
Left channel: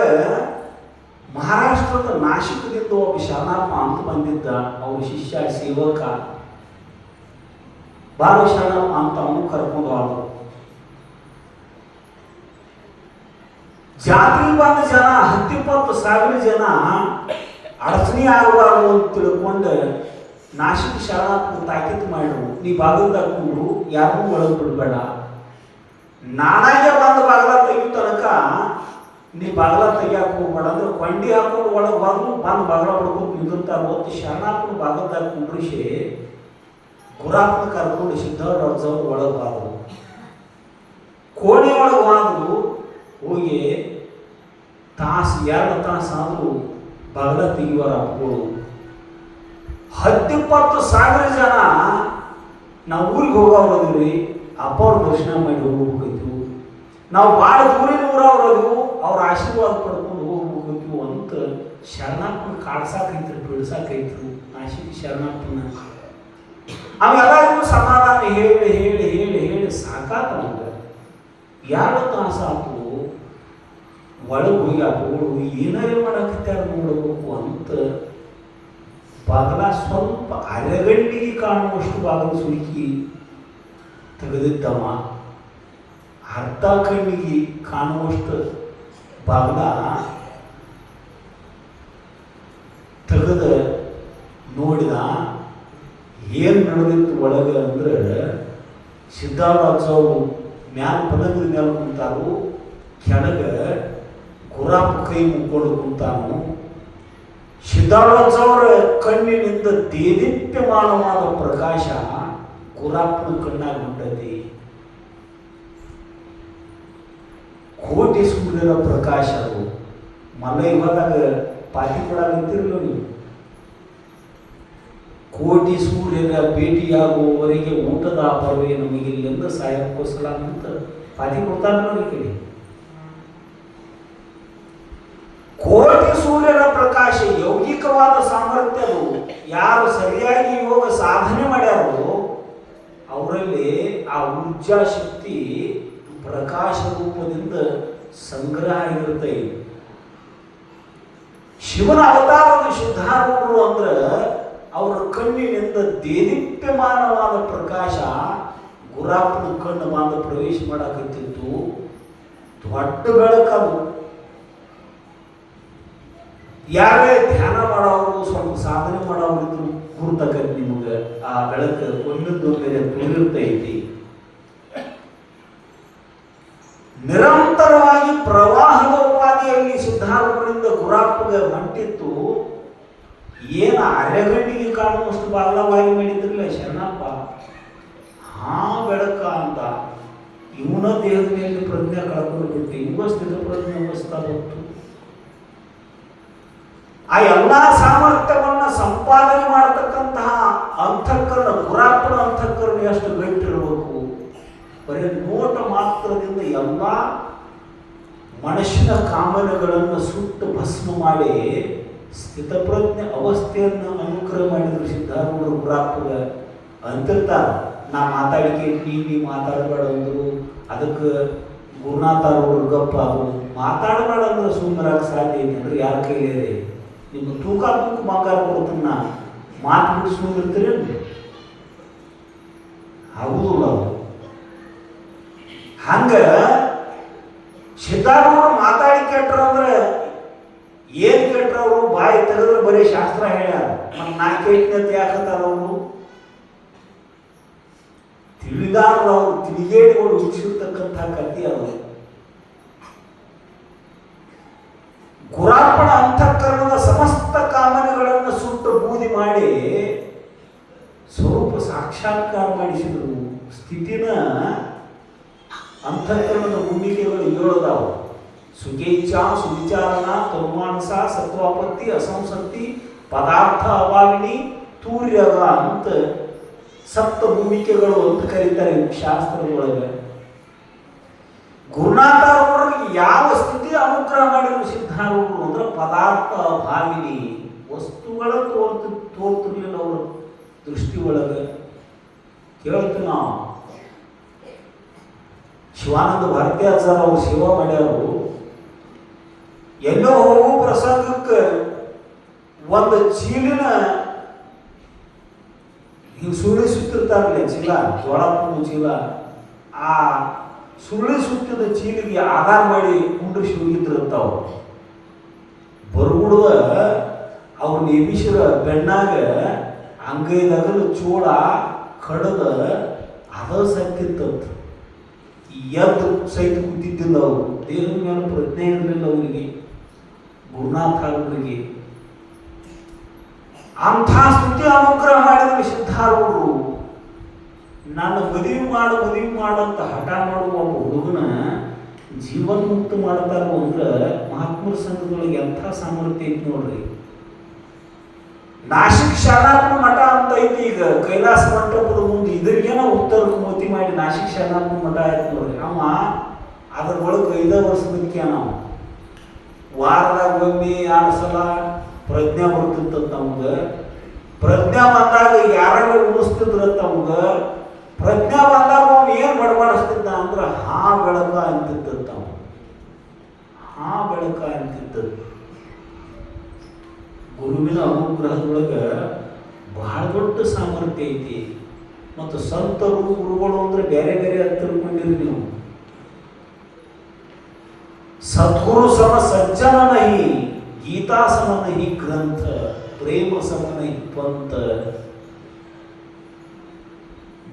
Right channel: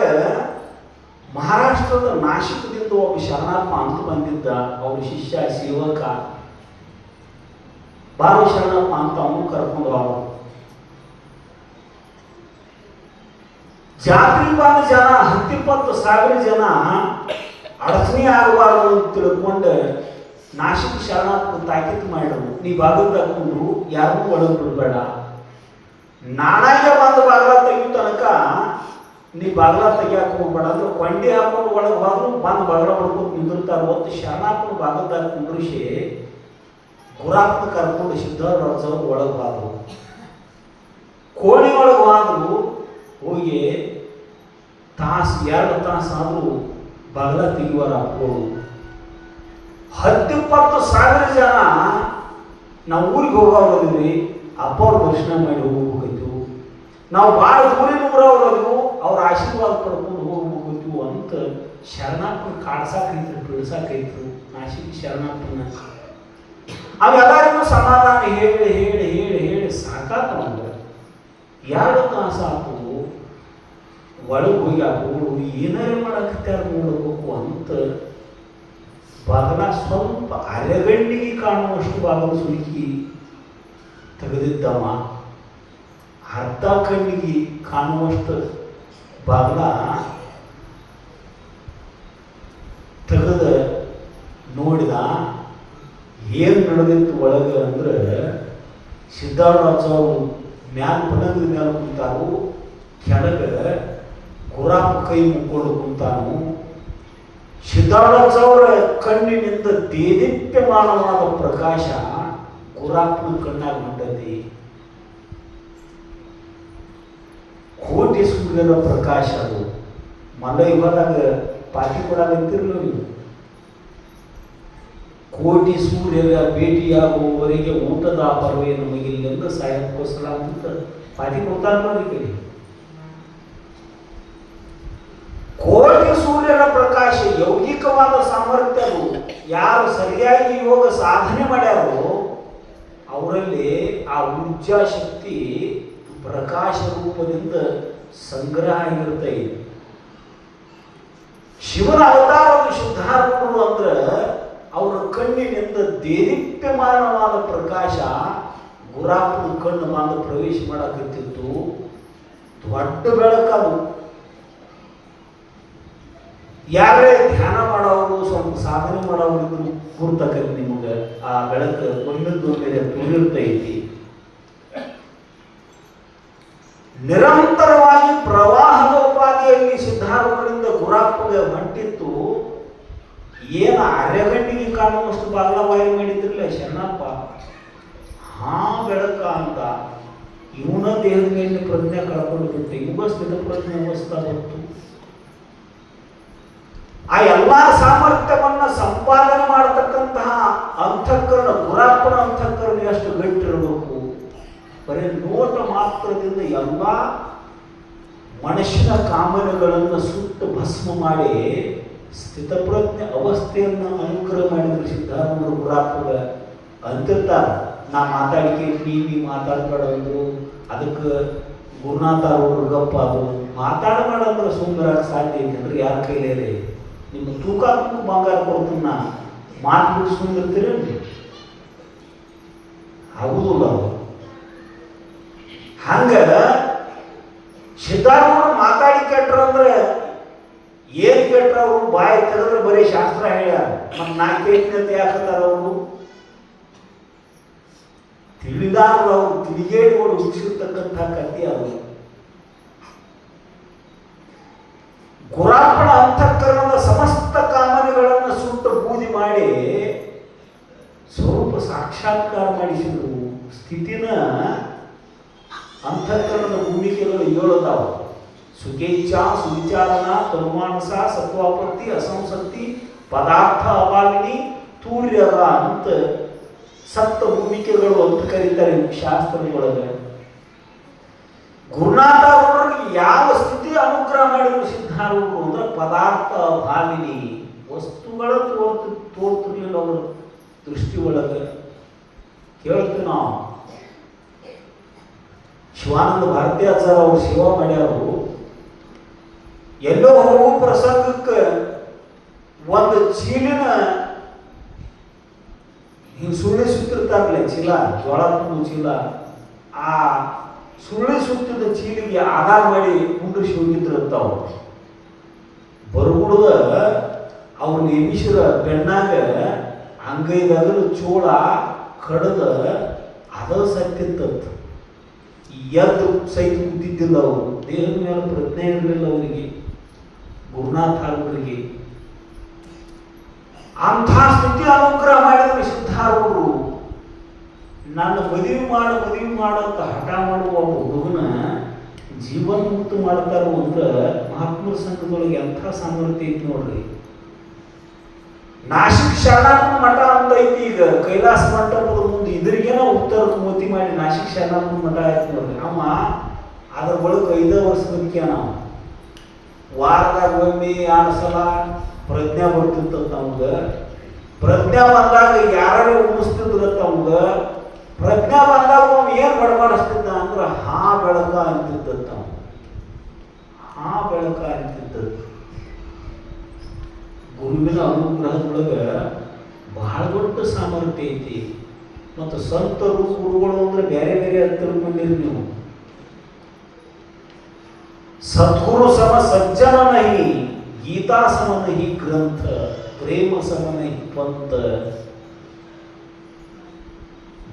ಮಹಾರಾಷ್ಟ್ರದ ನಾಶಿಕದಿಂದ ಒಬ್ಬ ಶರಣಪ್ಪ ಅಂತ ಬಂದಿದ್ದ. ಅವ್ರ ಶಿಷ್ಯ ಸೇವಕ ಬಾಲ ಶರಣಪ್ಪ ಅಂತ ಅವನು ಕರ್ಕೊಂಡು ಹೋದ. ಜಾತಿ ಬಂದ ಜನ 10-20 ಜನ ಅಡಚಣೆ ಆಗಬಾರ್ದು ಅಂತ ತಿಳ್ಕೊಂಡು ನಾಶಿಕ ಶರಣಪ್ಪ ತಾಕೀತು ಮಾಡಿದ್ರು. ನೀ ಬಾಗಿಲು ತಗೊಂಡು ಯಾರನ್ನೂ ಒಳಗೆ ಬಿಡಬೇಡ, ನಾನಾಗೆ ಬಂದು ಬಾಗಿಲ ತೆಗಿಯೋ ತನಕ ನೀ ಬಾಗಿಲ ತೆಗಿಯಾಕ ಹೋಗ್ಬೇಡ ಅಂದ್ರೆ ಕೊಂಡಿ ಹಾಕೊಂಡು ಒಳಗೆ ಬಂದು ಬಂದು ಬಾಗಿಲ ಪಡ್ಕೊಂಡು ನಿಂದಿರ್ತಾರೆ. ಹೊತ್ತು ಶರಣಪ್ಪನ ಬಾಗಿಲ್ದಾಗ ಕುಂಡ್ರಿಸಿ ಗುರಾಪನ ಕರ್ಕೊಂಡು ಸಿದ್ಧಾರ್ಥ ಒಳಗೆ ಬಾದ್ರು. ಕೋಣೆ ಒಳಗೆ ಬಾದ್ರು. ಹೋಗಿ 2 ತಾಸು ಆದರೂ ಬಾಗಿಲ ತೆಗಿಯುವರ ಅಪ್ಪಗಳು 10-20 ಜನ ನಾವು ಊರಿಗೆ ಹೋಗೋದಿದ್ರಿ. ಅಪ್ಪ ಅವ್ರ ದರ್ಶನ ಮಾಡಿ ಹೋಗ್ಬೇಕಾಯ್ತು. ನಾವು ಭಾಳ ದೂರಿನ ಊರವ್ರದು ಅವ್ರ ಆಶೀರ್ವಾದ ಪಡ್ಕೊಂಡು ಹೋಗ್ಬೇಕಾಯ್ತು ಅಂತ ಶರಣಪ್ಪನ ಕಾಡ್ಸಾಕೈತು, ಬೀಳ್ಸಾಕೈತು ನಾಶಿಕ ಶರಣಪ್ಪನ. ಅವೆಲ್ಲರಿಗೂ ಸಮಾಧಾನ ಹೇಳಿ ಹೇಳಿ ಹೇಳಿ ಹೇಳಿ ಸಾಕಾತ. ನಮ್ಗೆ 2 ತಾಸು ಆತು. ಒಳಗೆ ಹೋಗಿ ಆ ಬೋಳು ಏನಾರು ಮಾಡಕತ್ತಾರ ನೋಡಬೇಕು ಅಂತ ಬಾಗಲ ಸ್ವಲ್ಪ ಅರೆಗಣ್ಣಿಗೆ ಕಾಣುವಷ್ಟು ಬಾಗಲು ಸುರುಕಿ ತೆಗೆದಿದ್ದವ. ಅರ್ಧ ಕಣ್ಣಿಗೆ ಕಾಣುವಷ್ಟು ಬಾಗಲ ತೆಗೆದ ನೋಡಿದ. ಏನು ನಡೆದಿತ್ತು ಒಳಗೆ ಅಂದ್ರೆ ಸಿದ್ಧಾರ್ಥ ಮ್ಯಾಲ ಪದದ ಮೇಲೆ ಕುಂತಾವು. ಕೆಳಗೆ ಗುರಾಪ ಕೈ ಮುಕ್ಕೊಂಡು ಕುಂತಾನು. ಸಿದ್ಧಾರ್ಥ ಅವರ ಕಣ್ಣಿನಿಂದ ದೇದೀಪ್ಯಮಾನವಾದ ಪ್ರಕಾಶ ಗುರಾಪನ ಕಣ್ಣಾಗ ಹೊಂಟತಿ. ಕೋಟಿ ಸೂರ್ಯನ ಪ್ರಕಾಶ ಅದು. ಮಲ್ಲೈ ಹೋದಾಗ ಪಾಟಿ ಕೊಡಾಗಂತೀರಿ ನೋಡಿ. ಕೋಟಿ ಸೂರ್ಯರ ಭೇಟಿಯಾಗುವವರೆಗೆ ಊಟದ ಪರ್ವೆ ನಮಗಿಲ್ಲ ಸಾಯಕ್ಕೋಸ್ಕರ ಅಂತ ಪಾಟಿ ಕೊಡ್ತಾರ ನೋಡಿ. ಕಡೆ ಕೋಟಿ ಸೂರ್ಯನ ಪ್ರಕಾಶ ಯೌಗಿಕವಾದ ಸಾಮರ್ಥ್ಯವು ಯಾರು ಸರಿಯಾಗಿ ಯೋಗ ಸಾಧನೆ ಮಾಡ್ಯಾರೋ ಅವರಲ್ಲಿ ಆ ಊರ್ಜಾ ಶಕ್ತಿ ಪ್ರಕಾಶ ರೂಪದಿಂದ ಸಂಗ್ರಹ ಆಗಿರುತ್ತೆ. ಶಿವನ ಅವತಾರದ ಶುದ್ಧಾರೂಪರು ಅಂದ್ರೆ ಅವರ ಕಣ್ಣಿನಿಂದ ದೇದೀಪ್ಯಮಾನವಾದ ಪ್ರಕಾಶ ಗುರಾಪನ ಕಣ್ಣು ಮಾತ್ರ ಪ್ರವೇಶ ಮಾಡಕತ್ತಿತ್ತು. ದೊಡ್ಡ ಬೆಳಕದು. ಯಾರೇ ಧ್ಯಾನ ಮಾಡೋರು ಸ್ವಲ್ಪ ಸಾಧನೆ ಮಾಡೋರು ಕೂರ್ತಕ್ಕಂಥ ನಿಮಗೆ ಆ ಬೆಳಕು ತುಂಬಿರ್ತೈತಿ. ನಿರಂತರವಾಗಿ ಪ್ರವಾಹದ ಉಪಾಧಿಯಲ್ಲಿ ಸಿದ್ಧಾರೂಪರಿಂದ ಗುರಾಪಗೆ ಹೊಂಟಿತ್ತು. ಏನು ಅರೆಗಣ್ಣಿಗೆ ಕಾಣುವಷ್ಟು ಬಾಗಲವಾಗಿ ಮಾಡಿದ್ರಲ್ಲ ಶರಣಪ್ಪ. ಹಾ ಬೆಳಕ ಅಂತ ಇವನ ದೇಹದ ಮೇಲೆ ಪ್ರಜ್ಞೆ ಕಳ್ಕೊಂಡು ಬಿಟ್ಟು ಇವ ಸ್ಥಿತ ಪ್ರಜ್ಞೆ ಅವಸ್ಥಾ ಬಂತು. ಆ ಎಲ್ಲಾ ಸಾಮರ್ಥ್ಯವನ್ನು ಸಂಪಾದನೆ ಮಾಡತಕ್ಕಂತಹ ಅಂತಃಕರಣ ಗುರಾಪನ ಅಂತಃಕರಣ ಎಷ್ಟು ಗಟ್ಟಿರಬೇಕು. ಬರೀ ನೋಟ ಮಾತ್ರದಿಂದ ಎಲ್ಲ ಮನುಷ್ಯನ ಕಾಮನೆಗಳನ್ನು ಸುಟ್ಟು ಭಸ್ಮ ಮಾಡಿ ಸ್ಥಿತಪ್ರಜ್ಞೆ ಅವಸ್ಥೆಯನ್ನು ಅನುಗ್ರಹ ಮಾಡಿದ್ರೆ ಸಿದ್ಧಾರೂಢ ಗುರಾಪಗ ಅಂತಿರ್ತಾರ. ನಾ ಮಾತಾಡಿಕೆ ನೀ ಮಾತಾಡಬೇಡ ಅಂದ್ರು. ಅದಕ್ಕೆ ಗುರುನಾಥ ಅವರು ಗಪ್ಪ ಅದು ಮಾತಾಡಬೇಡ ಅಂದ್ರೆ ಸುಂದರಾಗ ಸಾಧ್ಯ ಐತೆ ಅಂದ್ರೆ ಯಾರ ಕೈಲೇ ನಿಮ್ಮ ತೂಕ ಬಂಗಾರ ಕೊಡ್ತೀನಿ ನಾ ಮಾತು ಬಿಡಿಸ್ಕೊಂಡಿರ್ತೀರಿ ಹೌದು. ಹಂಗ ಸಿದ್ಧಾರೂಢರು ಮಾತಾಡಿ ಕೆಟ್ರಂದ್ರೆ ಏನ್ ಕೆಟ್ರವರು ಬಾಯಿ ತೆಗೆದ್ರೆ ಬರೀ ಶಾಸ್ತ್ರ ಹೇಳ್ಯಾರ. ನಮ್ಮ ನಾಲ್ಕೈದನೇತೆ ಯಾಕಂತಾರ ಅವರು ತಿಳಿದಾರ ಅವರು ತಿಳಿಗೇಡಿಗಳು ಹುಟ್ಟಿಸಿರ್ತಕ್ಕಂಥ ಕತ್ತಿ ಅವರು. ಗುರಾಪನ ಅಂತಃಕರಣದ ಸಮಸ್ತ ಕಾಮನೆಗಳನ್ನು ಸುಟ್ಟು ಬೂದಿ ಮಾಡಿ ಸ್ವರೂಪ ಸಾಕ್ಷಾತ್ಕಾರ ಮಾಡಿಸಿದ್ರು. ಸ್ಥಿತಿನ ಅಂತಃಕರಣದ ಭೂಮಿಕೆಗಳು 7 ಅದಾವ. ಸುಖೇಚ್ಛಾ, ಸುವಿಚಾರಣ, ತನುಮಾನಸ, ಸತ್ವಾಪತ್ತಿ, ಅಸಂಸಕ್ತಿ, ಪದಾರ್ಥ ಅಭಾವಿನಿ, ತೂರ್ಯದ ಅಂತ ಸಪ್ತ ಭೂಮಿಕೆಗಳು ಅಂತ ಕರೀತಾರೆ ಶಾಸ್ತ್ರದೊಳಗೆ. ಗುರುನಾಥ ಅವರಿಗೆ ಯಾವ ಸ್ಥಿತಿ ಅನುಗ್ರಹ ಮಾಡಿದ್ರು ಸಿದ್ಧಾರೂಢರು ಅಂದ್ರೆ ಪದಾರ್ಥ ಭಾವಿನಿ ವಸ್ತುಗಳ ತೋರ್ತಲಿಲ್ಲ ಅವರು ದೃಷ್ಟಿ ಒಳಗೆ ಕೇಳ್ತೀವಿ ನಾವು. ಶಿವಾನಂದ ಭಾರತೀಯಾಚಾರ್ಯ ಅವರು ಸೇವಾ ಮಾಡ್ಯಾರು. ಎಲ್ಲೋ ಹೋಗೋ ಪ್ರಸಂಗಕ್ಕೆ ಒಂದು ಚೀಲಿನ ಹಿಂಗೆ ಸುಳ್ಳಿ ಸುತ್ತಿರ್ತಾರಲ್ಲ ಚೀಲ, ಜೋಳ ತುಂಬ ಚೀಲ, ಆ ಸುಳ್ಳಿ ಸುತ್ತಿದ ಚೀಲಿಗೆ ಆಧಾರ ಮಾಡಿ ಕುಂಡ್ರಿಸಿ ಹೋಗಿದ್ರಂತಾವ. ಬರುಗುಡುವ ಅವ್ರನ್ನ ಎಬಿಸಿದ ಬೆಣ್ಣಾಗ ಅಂಗೈದಾಗಲು ಚೋಳ ಕಡದ ಅದ ಸತ್ತಿತ್ತಂತ. ಎದ್ದು ಸಹಿತ ಕೂತಿದ್ದಿಲ್ಲ ಅವರು. ದೇಹದ ಮೇಲೆ ಪ್ರಜ್ಞೆ ಇರಲಿಲ್ಲ ಅವರಿಗೆ, ಗುರುನಾಥ ಅವರಿಗೆ. ಅಂಥ ಸ್ಥಿತಿ ಅನುಗ್ರಹ ಮಾಡಿದ್ರು ಸಿದ್ಧಾರೂಢರು. ನಾನು ಮದುವೆ ಮಾಡಂತ ಹಠ ಮಾಡುವ ಒಬ್ಬ ಹುಡುಗನ ಜೀವನ ಮುಕ್ತ ಮಾಡ್ತಾರೋ ಅಂದ್ರೆ ಮಹಾತ್ಮರ ಸಂಘದೊಳಗೆ ಎಂಥ ಸಾಮರ್ಥ್ಯ ಐತಿ ನೋಡ್ರಿ. ನಾಸಿಕ್ ಶರಣಾಪನ ಮಠ ಅಂತ ಐತಿ ಈಗ ಕೈಲಾಸ ಮಂಟಪದ ಮುಂದೆ. ಇದ್ರಿಗೇನ ಉತ್ತರಕ್ಕೆ ಮೋತಿ ಮಾಡಿ ನಾಸಿಕ್ ಶರಣಾಪನ ಮಠ ಆಯ್ತು ನೋಡ್ರಿ. ಅವ ಅದ್ರ ಒಳಗೆ 5 ವರ್ಷದಕ್ಕೆ ನಾವು ವಾರದಾಗ ಒಮ್ಮೆ 2 ಸಲ ಪ್ರಜ್ಞೆ ಬರ್ತಿರ್ತದ ನಮ್ಗೆ. ಪ್ರಜ್ಞೆ ಬಂದಾಗ ಯಾರು ಉಣಿಸ್ತಿದ್ರತ್ತ ನಮ್ಗೆ. ಪ್ರಜ್ಞೆ ಬಂದಾಗ ಒಮ್ಮೆ ಏನು ಬಡಬಡಿಸ್ತಿದ್ದ ಅಂದ್ರೆ ಹಾ ಬೆಳಕ ಅಂತಿದ್ದಂತ. ಹಾ ಬೆಳಕ ಅಂತಿದ್ದ. ಗುರುವಿನ ಅನುಗ್ರಹದೊಳಗೆ ಬಹಳ ದೊಡ್ಡ ಸಾಮರ್ಥ್ಯ ಐತಿ. ಮತ್ತು ಸಂತರು ಗುರುಗಳು ಅಂದ್ರೆ ಬೇರೆ ಬೇರೆ ಅಂತ ತಿಳ್ಕೊಂಡಿರಿ ನೀವು. सद्गुरु सम सज्जन नहीं, गीता सम नहीं ग्रंथ, प्रेम सम नहीं पंथ.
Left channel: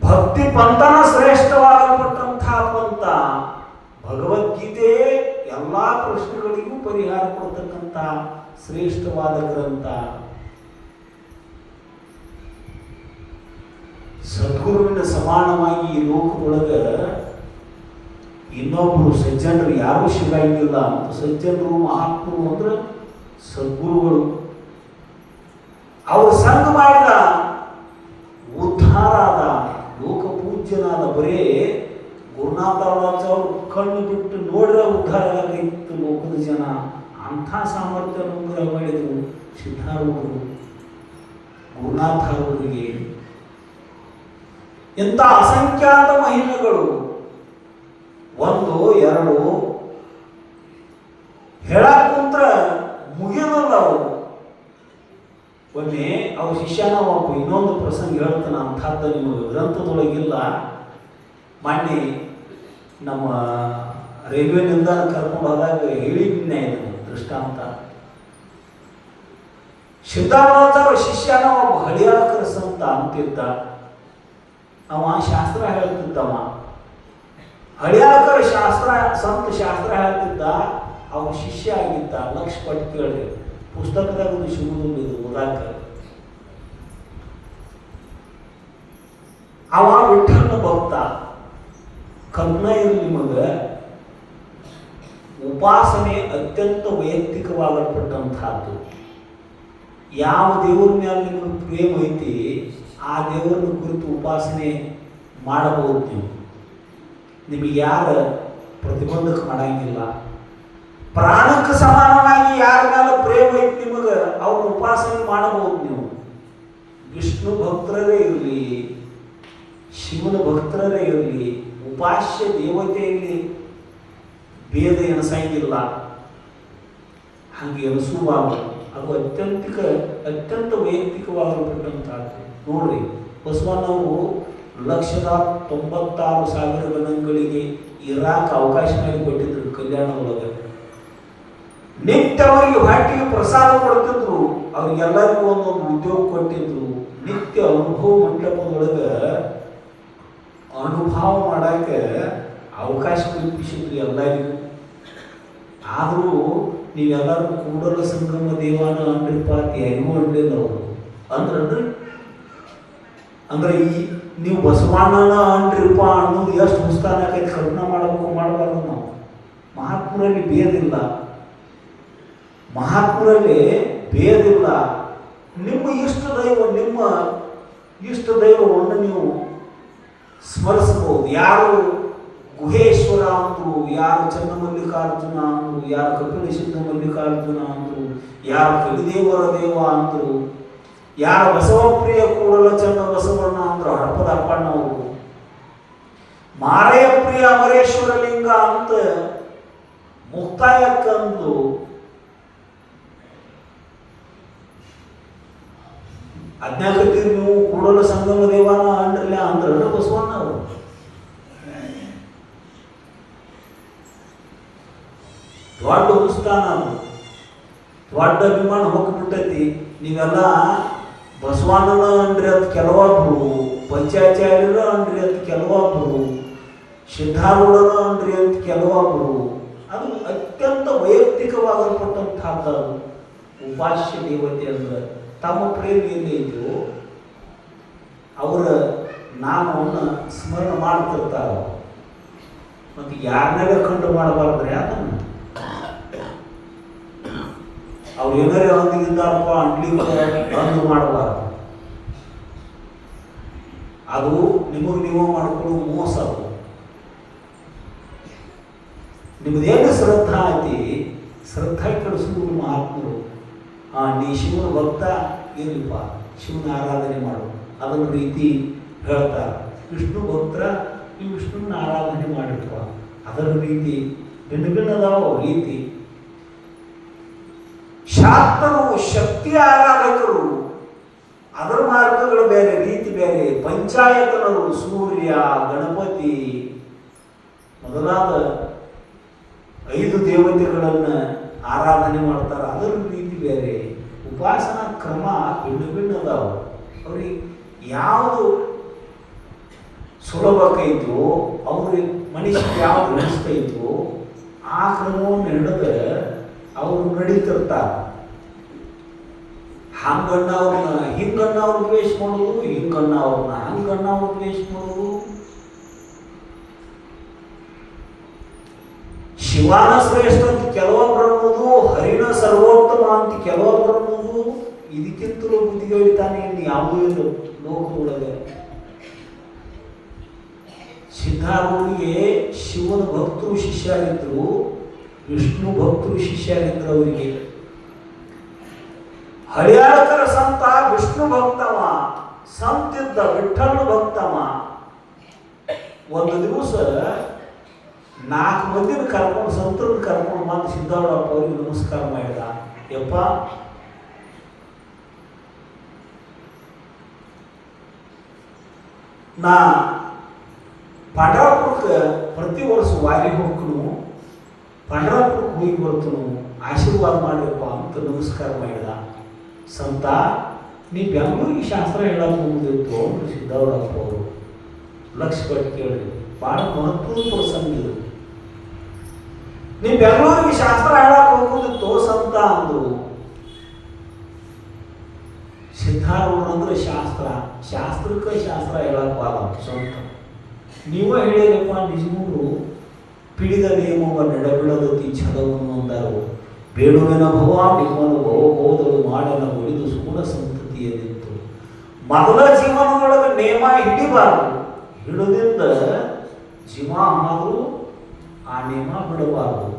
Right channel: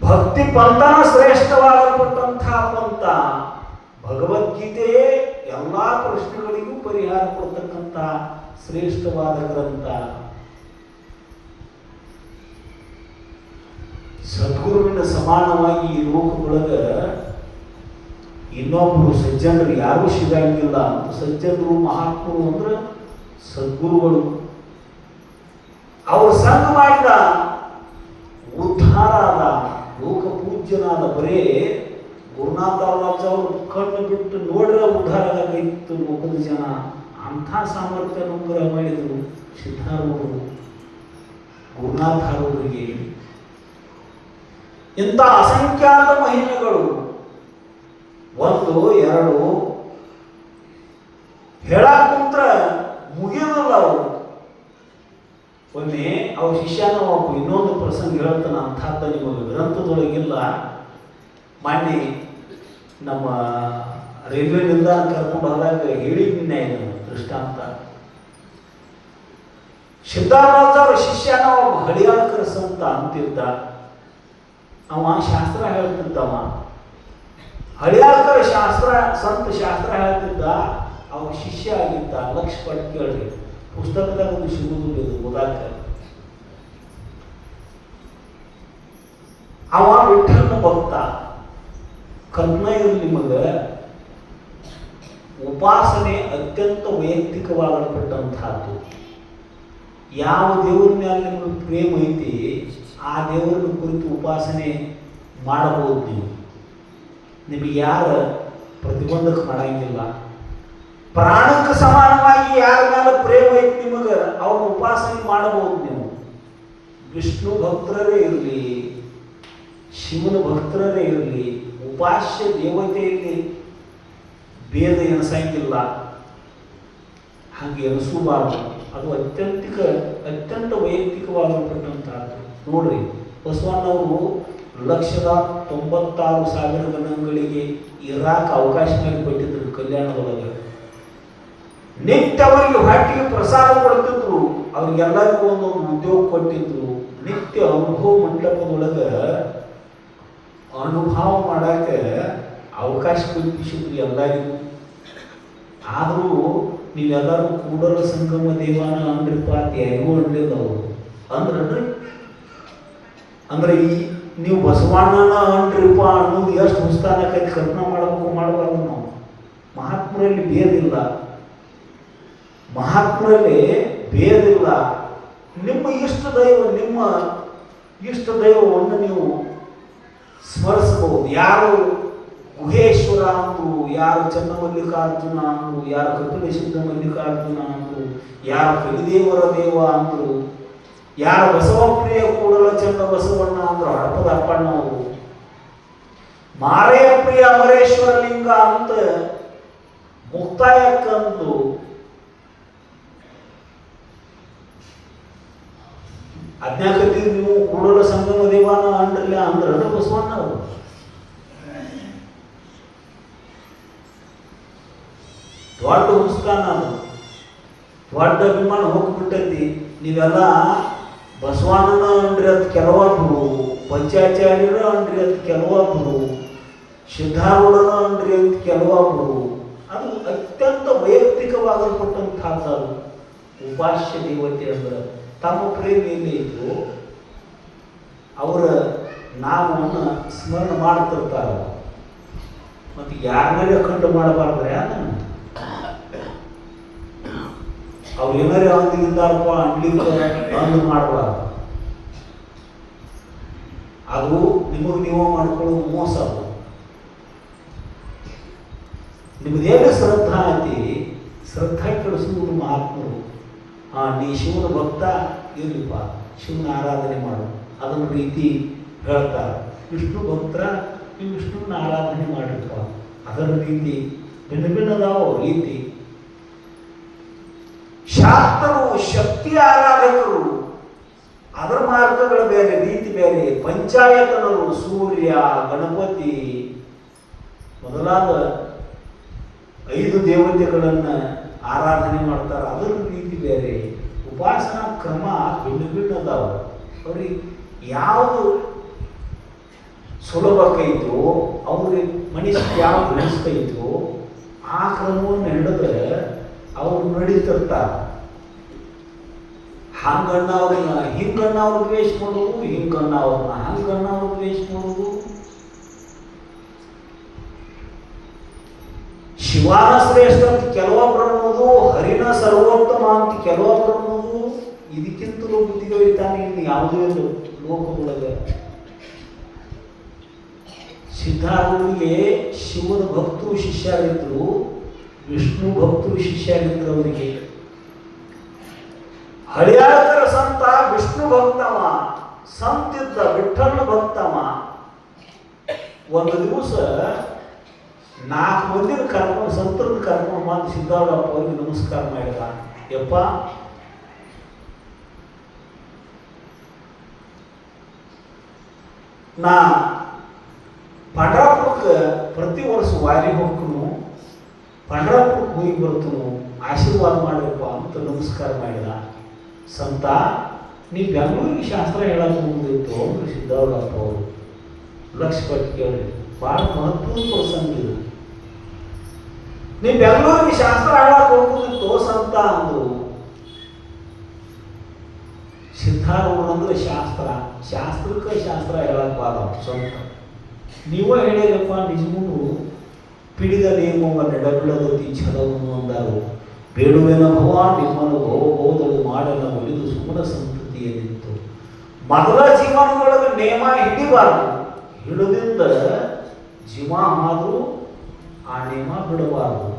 ಭಕ್ತಿ ಪಂಥನ ಶ್ರೇಷ್ಠವಾಗಲ್ಪಟ್ಟಂಥ ಪಂಥ ಭಗವದ್ಗೀತೆ. ಎಲ್ಲಾ ಪ್ರಶ್ನೆಗಳಿಗೂ ಪರಿಹಾರ ಕೊಡ್ತಕ್ಕಂಥ ಶ್ರೇಷ್ಠವಾದ ಗ್ರಂಥ. ಸದ್ಗುರುವಿನ ಸಮಾನವಾಗಿ ಈ ಲೋಕದೊಳಗೆ ಇನ್ನೊಬ್ಬರು ಸಜ್ಜನರು ಯಾರೂ ಸಿಗಂಗಿಲ್ಲ ಅಂತ. ಸಜ್ಜನರು ಮಹಾತ್ಮರು ಅಂದ್ರೆ ಸದ್ಗುರುಗಳು. ಅವರು ಸಂಘ ಮಾಡಿದ ಉದ್ಧಾರ ಆದ, ಲೋಕ ಪೂಜ್ಯನಾದ. ಬರೇ ಗುರುನಾಥರಾಜ ಅವರು ಕಣ್ಣು ಬಿಟ್ಟು ನೋಡ್ರೆ ಉದ್ಧಾರ ಆಗೈತು ಲೋಕದ ಜನ. ಅಂಥ ಸಾಮರ್ಥ್ಯ ಅನುಗ್ರಹ ಮಾಡಿದರು ಸಿದ್ಧಾರೂಢರು ಗುರುನಾಥರವರಿಗೆ. ಇಂಥ ಅಸಂಖ್ಯಾತ ಮಹಿಮೆಗಳು 1 2 ಹೇಳಕ್ಕಂತ ಮುಗಿಯೋಲ್ಲ ಅವರು. ಒಮ್ಮೆ ಅವ್ರ ಶಿಷ್ಯನ ಒಬ್ಬ ಇನ್ನೊಂದು ಪ್ರಸಂಗ ಹೇಳ್ತಾನೆ. ಅಂಥದ್ದು ನಿಮಗೆ ಗ್ರಂಥದೊಳಗಿಲ್ಲ. ಮೊನ್ನೆ ನಮ್ಮ ರೈಲ್ವೆ ನಿಲ್ದಾಣ ಕರ್ಕೊಂಡು ಹೋದಾಗ ಹೇಳಿದ್ನೆ ದೃಷ್ಟಾಂತ. ಸಿದ್ಧಾರೂಢ ಅವರ ಶಿಷ್ಯನ ಒಬ್ಬ ಹಳಿಯಾಳಕರ ಸಂತ ಅಂತಿದ್ದ. ಅವ ಶಾಸ್ತ್ರ ಹೇಳ್ತಿದ್ದವ. ಹಳಿಯಾಳಕರ ಸಂತ ಶಾಸ್ತ್ರ ಹೇಳ್ತಿದ್ದ. ಅವ ಶಿಷ್ಯ ಆಗಿದ್ದ. ಲಕ್ಷ ಪಟ್ಟು ಕೇಳ್ರಿ, ಪುಸ್ತಕದಾಗ ಒಂದು ಸಿಗುವುದು ಓದಾಕ. ಅವ ವಿಠ್ಠಲನ ಭಕ್ತ. ಕರ್ಣ ಇರಲಿ ನಿಮಗೆ, ಉಪಾಸನೆ ಅತ್ಯಂತ ವೈಯಕ್ತಿಕವಾಗಲ್ಪಟ್ಟಂತಹದ್ದು. ಯಾವ ದೇವರ ಮೇಲೆ ನಿಮಗೆ ಪ್ರೇಮ ಐತಿ ಆ ದೇವರನ್ನ ಕುರಿತು ಉಪಾಸನೆ ಮಾಡಬಹುದು ನೀವು. ನಿಮಗೆ ಯಾರ ಪ್ರತಿಬಂಧಕ ಮಾಡಂಗಿಲ್ಲ. ಪ್ರಾಣಕ್ಕೆ ಸಮಾನವಾಗಿ ಯಾರ ಮೇಲೆ ಪ್ರೇಮ ಐತಿ ನಿಮಗೆ ಅವ್ರ ಉಪಾಸನೆ ಮಾಡಬಹುದು ನೀವು. ವಿಷ್ಣು ಭಕ್ತರೇ ಇರಲಿ, ಶಿವನ ಭಕ್ತರೇ ಇರಲಿ, ಉಪಾಸ್ಯ ದೇವತೆಯಲ್ಲಿ ಭೇದ ಎನಿಸಂಗಿಲ್ಲ. ಹಾಗೆ ಎನಿಸಬಾರದು. ಅದು ಅತ್ಯಂತ ವೈಯಕ್ತಿಕವಾಗಿರತಕ್ಕಂಥದ್ದು. ನೋಡ್ರಿ, ಬಸವಣ್ಣವರು 1,96,000 ಗಣಗಳಿಗೆ ಇರಾಕ ಅವಕಾಶ ಮಾಡಿಕೊಟ್ಟಿದ್ರು ಕಲ್ಯಾಣದೊಳಗೆ. ನಿತ್ಯ ಅವರಿಗೆ ಹೊಟ್ಟಿಗೆ ಪ್ರಸಾದ ಕೊಡ್ತಿದ್ರು. ಅವ್ರಿಗೆಲ್ಲರಿಗೂ ಒಂದೊಂದು ಉದ್ಯೋಗ ಕೊಟ್ಟಿದ್ರು. ನಿತ್ಯ ಅನುಭವ ಮಂಟಪದೊಳಗೆ ಅನುಭವ ಮಾಡಕ್ಕೆ ಅವಕಾಶ ಕಲ್ಪಿಸಿದ್ರು ಎಲ್ಲರಿಗೂ. ಆದರೂ ನೀವೆಲ್ಲರೂ ಕೂಡಲ ಸಂಗಮ ದೇವಾನ ಅಂದ್ರಿಪ್ಪ ಹೆಂಗೂ ಅಂಡಿಲ್ಲ ಅವರು ಅಂದ್ರನ್ರಿ. ಅಂದ್ರೆ ಈ ನೀವು ಬಸವಣ್ಣನ ಅಂಡ್ರಿಪ್ಪ ಅನ್ನೋದು ಎಷ್ಟು ಹುಸ್ತಾನಕೈತಿ ಕಲ್ಪನಾ ಮಾಡಬಾರ್ದು ನಾವು. ಮಹಾತ್ಮರಲ್ಲಿ ಭೇದಿಲ್ಲ, ಮಹಾತ್ಮರಲ್ಲಿ ಭೇದಿಲ್ಲ. ನಿಮ್ಮ ಇಷ್ಟ ದೈವವನ್ನು ನೀವು ಸ್ಮರಿಸಬಹುದು. ಯಾರು ಗುಹೇಶ್ವರ ಅಂದ್ರು, ಯಾರು ಚನ್ನಮಲ್ಲಿಕಾರ್ಜುನ ಅಂದ್ರು, ಯಾರು ಕಪಿಲ ಸಿದ್ಧ ಮಲ್ಲಿಕಾರ್ಜುನ ಅಂದ್ರು, ಯಾರು ಕಲಿದೇವರ ದೇವ ಅಂದ್ರು, ಯಾರು ಬಸವಪ್ರಿಯ ಕೂಡಲ ಚಂದ್ರ ಬಸವಣ್ಣ ಅಂದ್ರು ಹಡಪದ ಅಪ್ಪಣ್ಣವರು, ಮಾರೇ ಪ್ರಿಯ ಅಮರೇಶ್ವರ ಲಿಂಗ ಅಂತ ಮುಕ್ತಾಯಕ್ಕಂದು ಅಜ್ಞಾಕತಿ ನೀವು ಕೂಡಲ ಸಂಗಮ ದೇವಾನ ಅಂದ್ರಲ್ಲ ಅಂದ್ರೆ ಬಸವಣ್ಣ ಅವರು. ದೊಡ್ಡ ಉಸ್ತಾನ ದೊಡ್ಡ ಅಭಿಮಾನ ಹೋಗ್ಬಿಟ್ಟೈತಿ. ನೀವೆಲ್ಲ ಬಸವಣ್ಣನ ಅಂದ್ರಿ ಅದು ಕೆಲವೊಬ್ರು, ಪಂಚಾಚಾರ್ಯರ ಅಂದ್ರಿ ಅದು ಕೆಲವೊಬ್ರು, ಸಿದ್ಧಾರೂಢನ ಅಂದ್ರಿ ಅಂತ ಕೆಲವೊಬ್ರು. ಅದು ಅತ್ಯಂತ ವೈಯಕ್ತಿಕವಾಗಲ್ಪಟ್ಟಂತಹದ್ದು. ಉಪಾಸ್ಯ ದೇವತೆ ಅಂದ್ರೆ ತಮ್ಮ ಪ್ರೇಮಿಯಲ್ಲಿ ಇದ್ದು ಅವರ ನಾಮವನ್ನು ಸ್ಮರಣೆ ಮಾಡ್ತಿರ್ತಾರೆ. ಮತ್ತು ಯಾರನ್ನೇ ಕಂಡು ಮಾಡಬಾರ್ದ್ರೆ ಅದನ್ನು ಅವ್ರು ಏನಾರೇ ಒಂದಿದ್ದಾರಪ್ಪ ಅಂಗ್ಲಿಕ್ಕೆ ಬಂದು ಮಾಡಬಾರ್ದು. ಅದು ನಿಮಗೆ ನೀವು ಮಾಡ್ಕೊಳ್ಳೋ ಮೋಸ. ಅದು ನಿಮ್ಮದೇನು ಶ್ರದ್ಧಾ ಐತಿ, ಶ್ರದ್ಧಾ ಕೆಡಿಸುವುದು ಮಹಾತ್ಮರು. ನೀ ಶಿವನ ಭಕ್ತ ಇರಲಿಪ್ಪ, ಶಿವನ ಆರಾಧನೆ ಮಾಡು ಅದನ್ನ ರೀತಿ ಹೇಳ್ತಾರೆ. ವಿಷ್ಣು ಭಕ್ತರ ನೀವು ವಿಷ್ಣುನ ಆರಾಧನೆ ಮಾಡಿರ್ಪ ಅದರ ರೀತಿ ಭಿನ್ನ ಭಿನ್ನದಾವ ರೀತಿ. ಶಾಸ್ತ್ರರು ಶಕ್ತಿ ಆರಾಧಕರು ಅದರ ಮಾರ್ಗಗಳು ಬೇರೆ, ರೀತಿ ಬೇರೆ. ಪಂಚಾಯತನರು ಸೂರ್ಯ, ಗಣಪತಿ ಮೊದಲಾದ 5 ದೇವತೆಗಳನ್ನು ಆರಾಧನೆ ಮಾಡ್ತಾರೆ, ಅದರ ರೀತಿ ಬೇರೆ. ಉಪಾಸನಾ ಕ್ರಮ ಭಿನ್ನ ಭಿನ್ನ ಅದಾವ. ಅವ್ರಿಗೆ ಯಾವುದು ಸುಲಭ ಕೈತು, ಅವ್ರಿಗೆ ಮನುಷ್ಯ ಯಾವ್ದು ಅನಿಸ್ತೈತು ಆ ಕ್ರಮವನ್ನು ಹಿಡಿದ್ರೆ ಅವರು ನಡೀತಿರ್ತಾರೆ. ಹಂಗಣ್ಣ ಅವ್ರನ್ನ ಹಿಂಗಣ್ಣ ಅವ್ರು ದ್ವೇಷ ಮಾಡೋದು, ಹಿಂಗಣ್ಣ ಅವ್ರನ್ನ ಹಂಗಣ್ಣ ಅವ್ರು ದ್ವೇಷ ಮಾಡೋದು. ಶಿವಾನ ಶ್ರೇಷ್ಠ ಅಂತ ಕೆಲವೊಬ್ರು ಅನ್ನೋದು, ಹರಿನ ಸರ್ವೋತ್ತಮ ಅಂತ ಕೆಲವೊಬ್ರು ಅನ್ನೋದು. ಇದಕ್ಕಿಂತಲೂ ಬುದ್ಧಿಗಳಿತಾನೆ ಇನ್ನು ಯಾವುದೂ ಇಲ್ಲ ಲೋಕದೊಳಗೆ. ಸಿದ್ಧಾರೂಢರಿಗೆ ಶಿವನ ಭಕ್ತರು ಶಿಷ್ಯರಿದ್ರು, ವಿಷ್ಣು ಭಕ್ತರು ಶಿಷ್ಯರಿದ್ರು. ಅವರಿಗೆ ಹಳಿಯಾಳಕರ ಸಂತ ವಿಷ್ಣು ಭಕ್ತವ, ಸಂತಿದ್ದ ವಿಠ್ಠಲ ಭಕ್ತವ. ಒಂದು ದಿವಸ 4 ಮಂದಿನ ಕರ್ಕೊಂಡು, ಸಂತರನ್ನ ಕರ್ಕೊಂಡು ಬಂದು ಸಿದ್ಧಾರೂಢಪ್ಪ ಅವ್ರಿಗೆ ನಮಸ್ಕಾರ ಮಾಡಿದ. ಯಪ್ಪ, ನಾ ಪಂಡರಾಪುರಕ್ಕೆ ಪ್ರತಿ ವರ್ಷ ವಾರಿ ಹೋಗ್ತನು, ಪಂಡರಾಪುರಕ್ಕೆ ಹೋಗಿ ಬರ್ತನು, ಆಶೀರ್ವಾದ ಮಾಡಿರಪ್ಪ ಅಂತ ನಮಸ್ಕಾರ ಮಾಡಿದ. ಸಂತ, ನೀ ಬೆಂಗಳೂರಿಗೆ ಶಾಸ್ತ್ರ ಹೇಳಕ್ಕೆ ಹೋಗಿತ್ತು ಅಂತ ಸಿದ್ಧಾರೂಢಪ್ಪ ಅವರು ಲಕ್ಷ್ಯ ಕೊಟ್ಟು ಕೇಳಿ. ಭಾಳ ಮಹತ್ವದ ಪ್ರಸಂಗ ಇದು. ನೀ ಬೆಂಗಳೂರಿಗೆ ಶಾಸ್ತ್ರ ಹೇಳಕ್ಕೆ ಹೋಗುದಿತ್ತು ಸಂತ ಅಂದು. ಸಿದ್ಧಾರೂಢ ಅಂದ್ರೆ ಶಾಸ್ತ್ರ, ಶಾಸ್ತ್ರಕ್ಕೆ ಶಾಸ್ತ್ರ ಹೇಳಕ್ ಬಾರ ಸ್ವಂತ. ನೀವ ಹೇಳಿರಪ್ಪ, ನಿಜಮೂ ಪಿಡಿದ ನಿಯಮವ ನೆಡಬಿಡದತಿ ಛಲವನ್ನು ಅಂದರು. ಬೇಡುವಿನ ಭವ ನಿಮ್ಮನ್ನು ಬಹುದಳು ಮಾಡನ ಉಳಿದು ಸುಗುಣ ಸಂತತಿಯಲ್ಲಿತ್ತು. ಮೊದಲ ಜೀವನದೊಳಗೆ ನೇಮ ಹಿಡಿಬಾರದು, ಹಿಡಿದಿಂದ ಜೀವ ಆದರೂ ಆ ನೇಮ ಬಿಡಬಾರದು.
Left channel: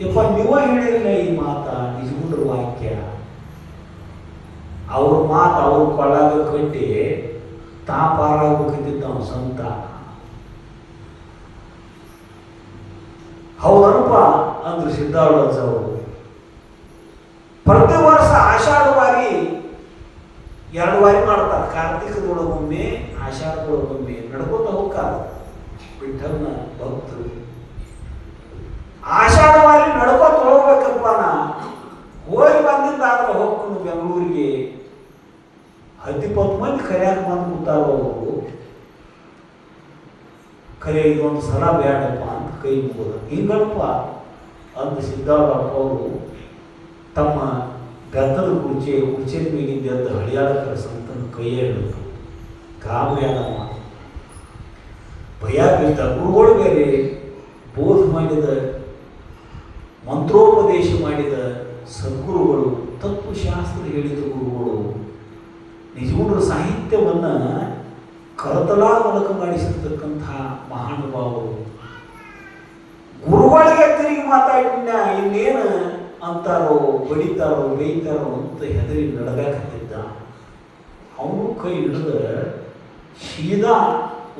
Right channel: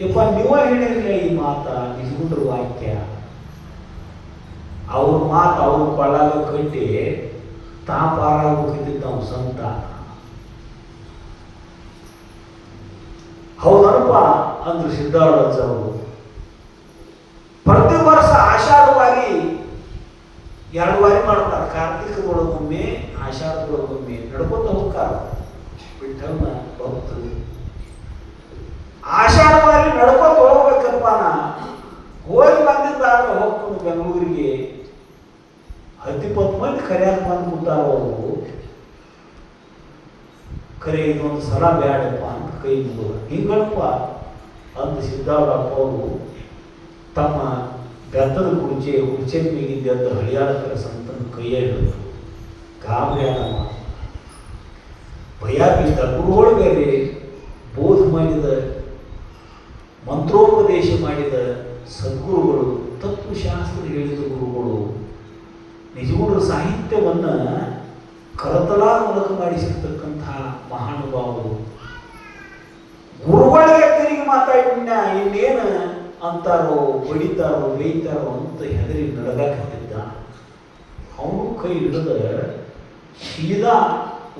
ಯಪ್ಪ, ನೀವ ಹೇಳಿರಲಿಲ್ಲ ಈ ಮಾತ, ನಿಜಗುಂದ್ರ ವಾಕ್ಯ. ಅವ್ರ ಮಾತು ಅವ್ರ ಕೊಳ್ಳಾಗ ಕಟ್ಟಿ ತಾ ಪಾರಾಗೋಗಿದ್ದ ನಾವು ಸಂತ. ಹೌದನಪ್ಪ ಅಂದ್ರು ಸಿದ್ಧಾರೂಢ ಅವರು. ಪ್ರತಿ ವರ್ಷ ಆಷಾಢ ವಾರಿ 2 ವಾರಿ ಮಾಡ್ತಾರೆ. ಕಾರ್ತಿಕದೊಳಗೊಮ್ಮೆ, ಆಷಾಢದೊಳಗೊಮ್ಮೆ ನಡ್ಕೊಂತ ಹೋಗ್ತಾರ ವಿಠ್ಠಲನ ಭಕ್ತರು. ಆಷಾಢ ವಾರಿ ನಡ್ಕೊಂತ ಹೋಗ್ಬೇಕಪ್ಪ. ನಾ ಹೋಗಿ ಬಂದಿದ್ದಾದ್ರೆ ಹೋಗ್ಕೊಂಡು ಬೆಂಗಳೂರಿಗೆ 10-20 ಮಂದಿ ಕರೆಯಾಕ ಬಂದು ಕೂತಾವ. ಅವರು ಕರೆ ಇದೊಂದು ಸಲ ಬೇಡಪ್ಪ ಅಂತ ಕೈ ಮುಗಿದ. ಹಿಂಗಪ್ಪ ಅಂತ ಸಿದ್ಧಾರೂಢಪ್ಪ ಅವರು ತಮ್ಮ ಬೆತ್ತದ ಕುರ್ಚಿ ಮೇಲಿಂದ ಅಂತ ಹಳಿಯಾಳಕರ ಸಂತನ ಕೈಯ ಹಿಡಿದ್ರು. ಗಾಬರಿಯಾದ ಭಯ ಬಿದ್ದ. ಗುರುಗಳು ಬೇರೆ, ಬೋಧ ಮಾಡಿದ, ಮಂತ್ರೋಪದೇಶ ಮಾಡಿದ ಸದ್ಗುರುಗಳು, ತತ್ವಶಾಸ್ತ್ರ ಹೇಳಿದ ಗುರುಗಳು, ನಿಜವಾದ ಸಾಹಿತ್ಯವನ್ನು ಕರತಲ ಮೂಲಕ ಮಾಡಿಸಿರ್ತಕ್ಕಂಥ ಮಹಾ ಹೊಡಿತಾರೋ ಬೇಯ್ತಾರೋ ಅಂತ ಹೆದರಿ ನಡೆದಾಕತ್ತಿದ್ದ. ಅವನು ಕೈ ಹಿಡಿದು ಸೀದಾ